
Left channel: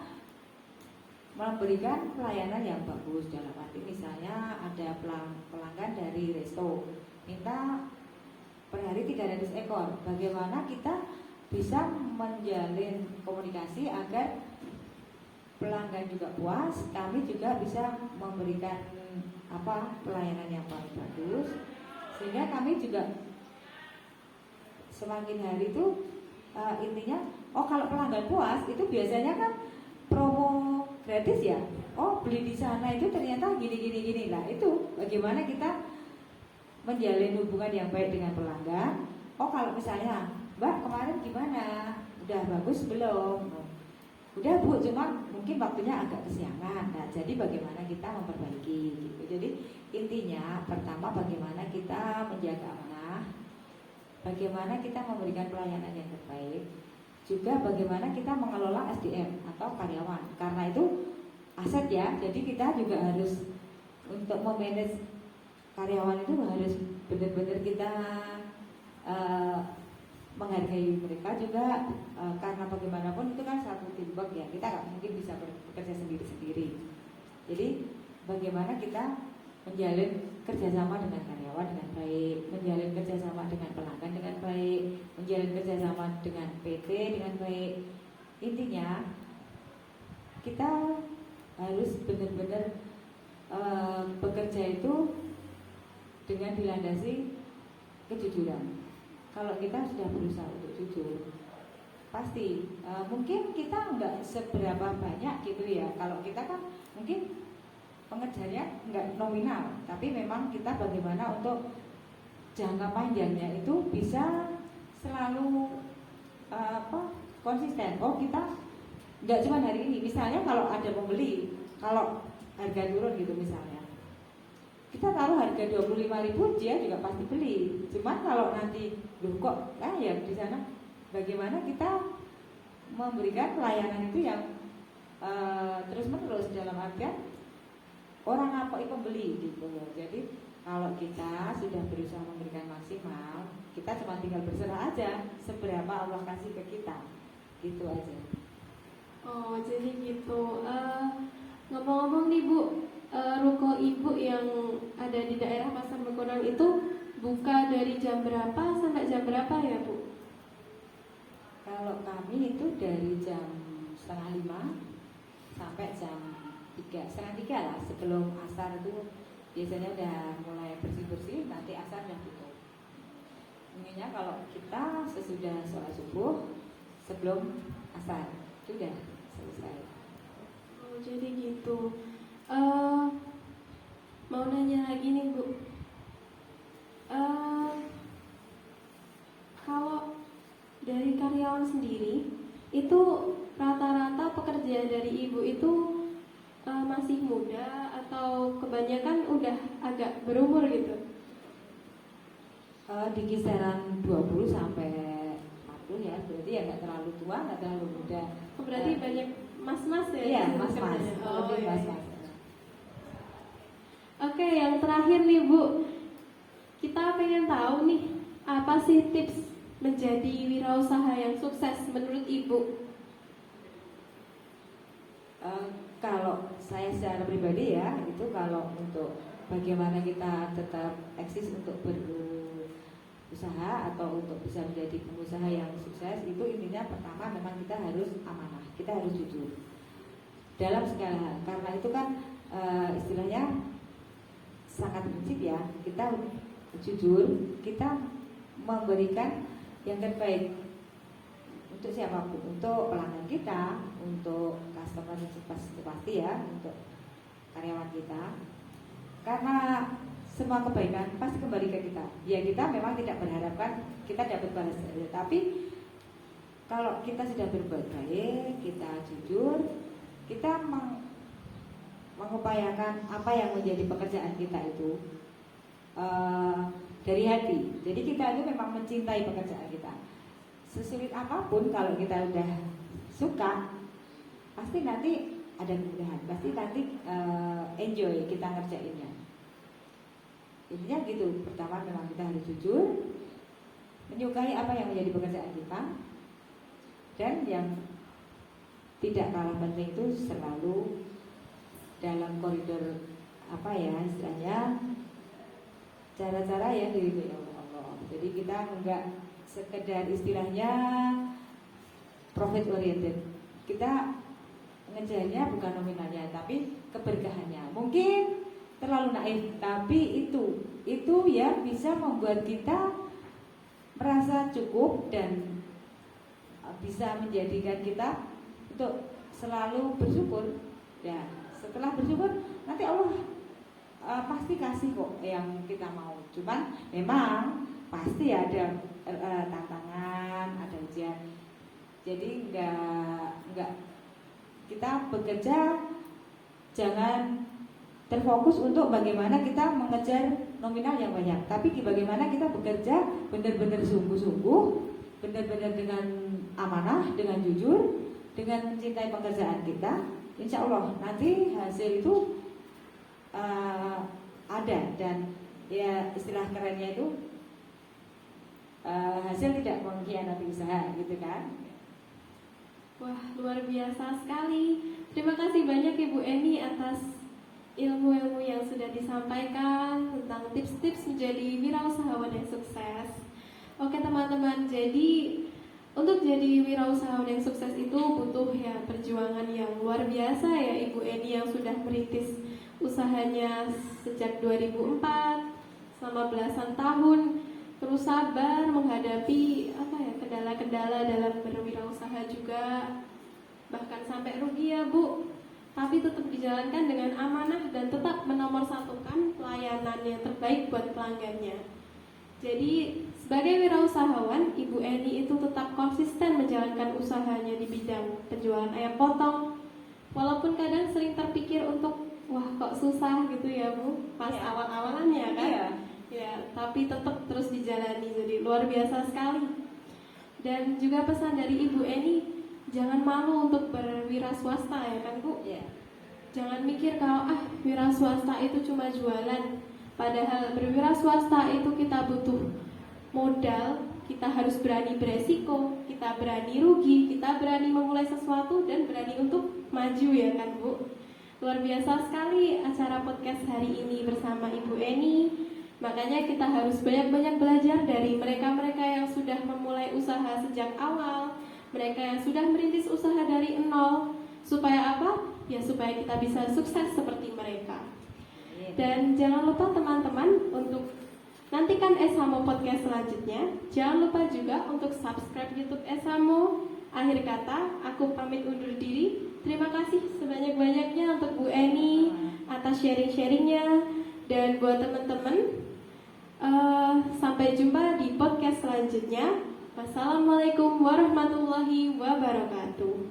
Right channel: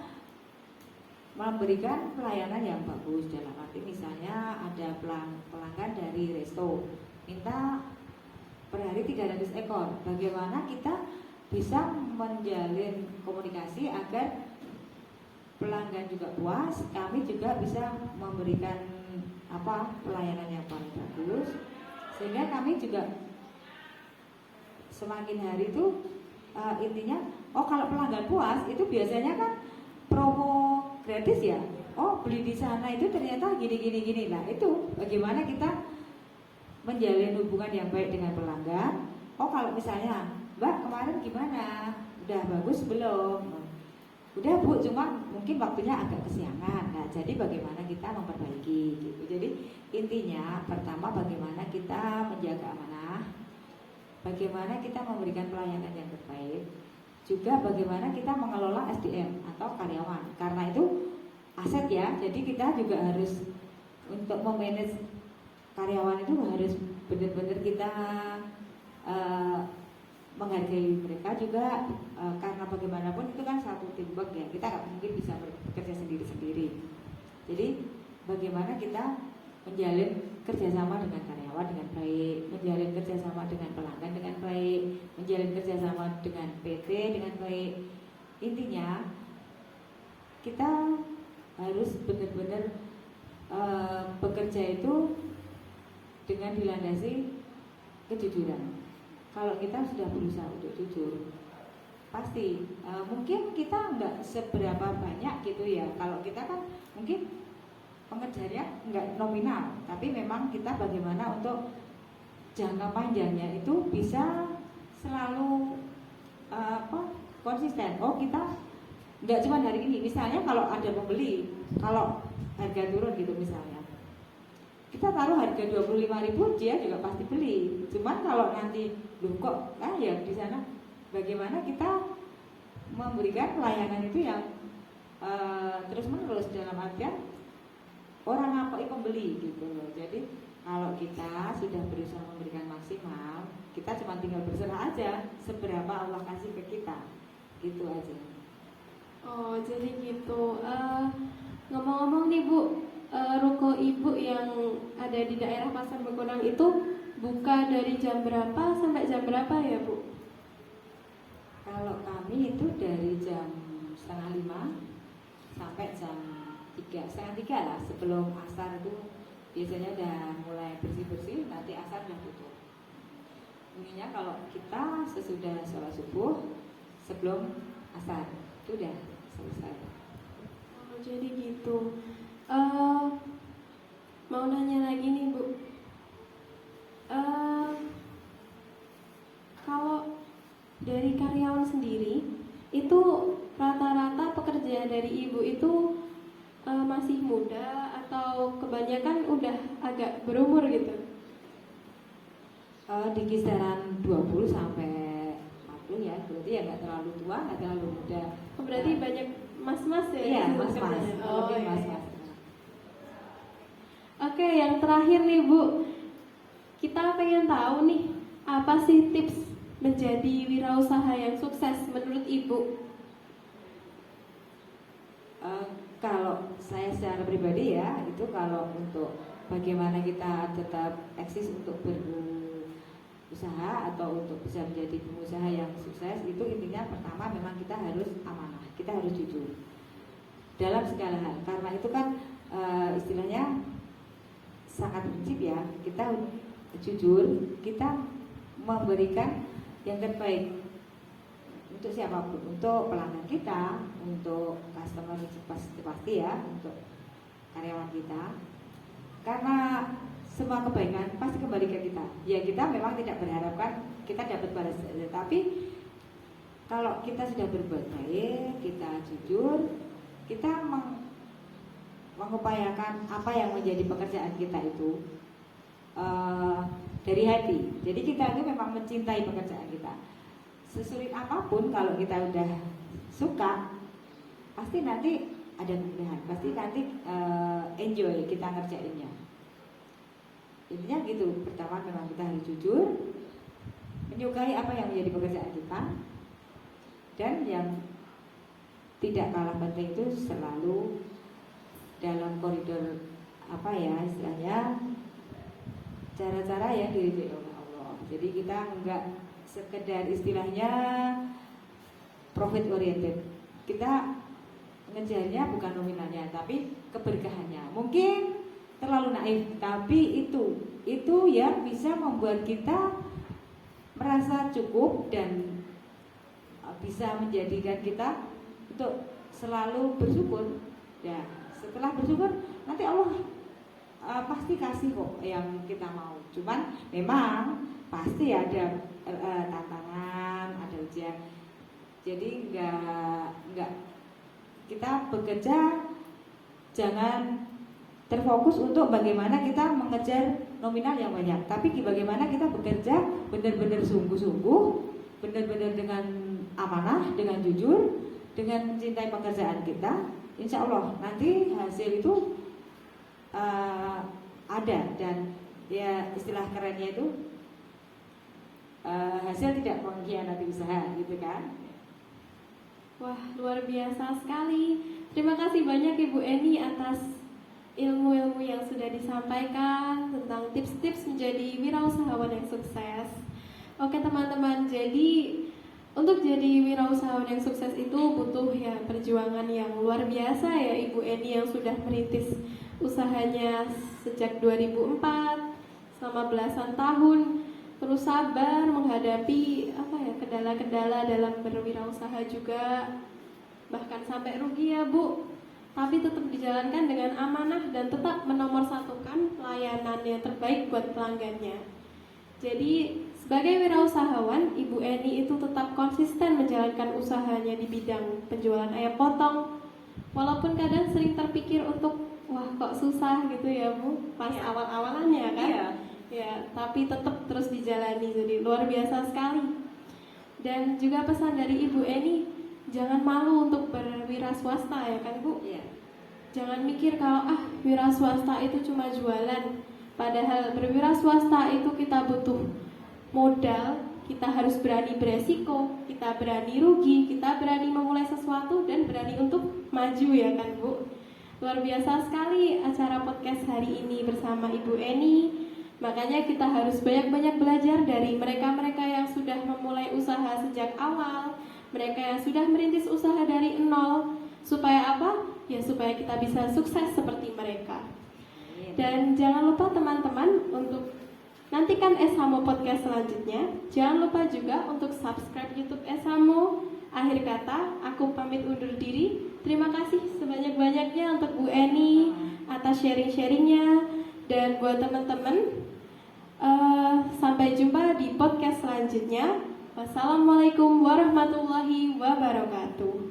memberikan pelayanan yang bagus. Dalam arti misalnya ada pelanggan dari resto minta per hari 300 ekor, bagaimana kita bisa menjalin komunikasi agar pelanggan juga puas, kami juga bisa memberikan pelayanan yang bagus, sehingga kami juga semakin hari itu intinya kalau pelanggan puas itu biasanya kan promo gratis ya. Beli di sana itu ternyata gini. Nah itu bagaimana kita menjalin hubungan yang baik dengan pelanggan. Kalau misalnya Mbak kemarin gimana, udah bagus belum? Udah Bu, cuma mungkin waktunya agak kesiangan. Nah jadi bagaimana kita memperbaiki gitu. Jadi intinya pertama bagaimana kita menjaga amanah, bagaimana kita memberikan pelayanan yang terbaik, juga bagaimana kita mengelola SDM atau karyawan. Karena itu aset ya, jadi kita juga harus untuk memanage karyawan itu harus benar-benar kita menghargai mereka juga, karena bagaimanapun itu kan satu teamwork ya, kita nggak mungkin bisa bekerja sendiri-sendiri. Jadi bagaimana kita menjalin kerjasama dengan karyawan dengan baik, menjalin kerjasama dengan pelanggan dengan baik, menjalin kerjasama dengan PT dengan baik. Intinya kita harus benar-benar bekerja itu dengan dilandasi kejujuran. Kalau kita sudah berusaha untuk jujur, pasti mungkin kita nggak seberapa banyak gitu ya. Kalau kita kan mungkin pengejarnya nggak nominal, tapi memang kita bagaimana untuk jangka panjangnya itu bisa selalu konsisten. Kita nggak cuma hari ini. Misalnya kalau ada pembeli, kalau harga turun gitu misalnya, kita taruh harga 25.000 dia juga pasti beli. Cuma kalau nanti kok ya di sana bagaimana kita memberikan pelayanan itu yang terus menerus, dalam artian orang apa pembeli gitu. Jadi kalau kita sudah berusaha memberikan maksimal, kita cuma tinggal berserah aja seberapa Allah kasih ke kita, gitu aja. Oh, jadi gitu. Ngomong-ngomong nih Bu, ruko Ibu yang ada di daerah Pasar Bekonan itu buka dari jam berapa sampai jam berapa ya Bu? Kalau kami itu dari jam 4:30 sampai jam 3:30 lah, sebelum asar itu biasanya udah mulai bersih-bersih, nanti asar udah tutup. Intinya kalau kita sesudah sholat subuh sebelum asar sudah selesai. Oh, jadi gitu. Mau nanya lagi nih Bu, kalau dari karyawan sendiri itu rata-rata pekerjaan dari Ibu itu masih muda atau kebanyakan udah agak berumur gitu? Di kisaran 20 sampai 40 ya, berarti ya nggak terlalu tua, nggak terlalu muda. Oh, berarti banyak mas-mas ya? Iya, mas-mas. Oh, Lebih iya. mas-mas. Oke, yang terakhir nih Bu, kita pengen tahu nih apa sih tips menjadi wirausaha yang sukses menurut Ibu? Kalau saya secara pribadi ya, itu kalau untuk bagaimana kita tetap eksis untuk berusaha atau untuk bisa menjadi pengusaha yang sukses, itu intinya pertama memang kita harus amanah, kita harus jujur dalam segala hal. Karena itu kan istilahnya sangat prinsip ya, kita jujur, kita memberikan yang terbaik untuk siapapun, untuk pelanggan kita, untuk customer pasti ya, untuk karyawan kita. Karena semua kebaikan pasti kembali ke kita. Ya kita memang tidak berharapkan kita dapat balas, tapi kalau kita sudah berbuat baik, kita jujur, kita mengupayakan apa yang menjadi pekerjaan kita itu dari hati. Jadi kita ini memang mencintai pekerjaan kita. Sesulit apapun kalau kita udah suka, pasti nanti ada kemudahan, pasti nanti enjoy kita ngerjainnya. Intinya gitu, pertama memang kita harus jujur, menyukai apa yang menjadi pekerjaan kita, dan yang tidak kalah penting itu selalu dalam koridor apa ya istilahnya, cara-cara yang diridhoi oleh Allah. Jadi kita enggak sekedar istilahnya profit oriented, kita ngejarnya bukan nominalnya tapi keberkahannya. Mungkin terlalu naif, tapi itu ya bisa membuat kita merasa cukup dan bisa menjadikan kita untuk selalu bersyukur. Ya, setelah bersyukur nanti Allah pasti kasih kok yang kita mau. Cuman memang pasti ada tantangan, ada ujian. Jadi enggak kita bekerja jangan terfokus untuk bagaimana kita mengejar nominal yang banyak, tapi bagaimana kita bekerja benar-benar sungguh-sungguh, benar-benar dengan amanah, dengan jujur, dengan mencintai pekerjaan kita. Insya Allah nanti hasil itu ada, dan ya istilah kerennya itu hasil tidak mengkhianati usaha, gitu kan? Wah, luar biasa sekali. Terima kasih banyak Ibu Eni atas ilmu-ilmu yang sudah disampaikan tentang tips-tips menjadi wirausahawan yang sukses. Oke teman-teman, jadi untuk jadi wirausahawan yang sukses itu butuh ya perjuangan yang luar biasa ya Ibu Eni yang sudah merintis usahanya sejak 2004 selama belasan tahun, terus sabar menghadapi kendala-kendala dalam berwirausaha juga, bahkan sampai rugi ya Bu, tapi tetap dijalankan dengan amanah dan tetap menomorsatukan pelayanan yang terbaik buat pelanggannya. Jadi sebagai wirausahawan, Ibu Eni itu tetap konsisten menjalankan usahanya di bidang penjualan ayam potong, walaupun kadang sering terpikir untuk wah kok susah gitu ya Bu, pas awal-awalannya kan. Ya, tapi tetap terus dijalani, jadi luar biasa sekali. Dan juga pesan dari Ibu Eni, jangan malu untuk berwira swasta ya kan Bu. Ya. Jangan mikir kalau wira swasta itu cuma jualan. Padahal berwira swasta itu kita butuh modal, kita harus berani beresiko, kita berani rugi, kita berani memulai sesuatu dan berani untuk maju ya kan Bu. Luar biasa sekali acara podcast hari ini bersama Ibu Eni. Makanya kita harus banyak-banyak belajar dari mereka-mereka yang sudah memulai usaha sejak awal, mereka yang sudah merintis usaha dari nol. Supaya apa? Ya supaya kita bisa sukses seperti mereka. Dan jangan lupa teman-teman untuk nantikan Esamo podcast selanjutnya. Jangan lupa juga untuk subscribe YouTube Esamo. Akhir kata, aku pamit undur diri. Terima kasih sebanyak-banyaknya untuk Bu Eni atas sharing-sharingnya. Dan buat teman-teman, sampai jumpa di podcast selanjutnya. Wassalamualaikum warahmatullahi wabarakatuh.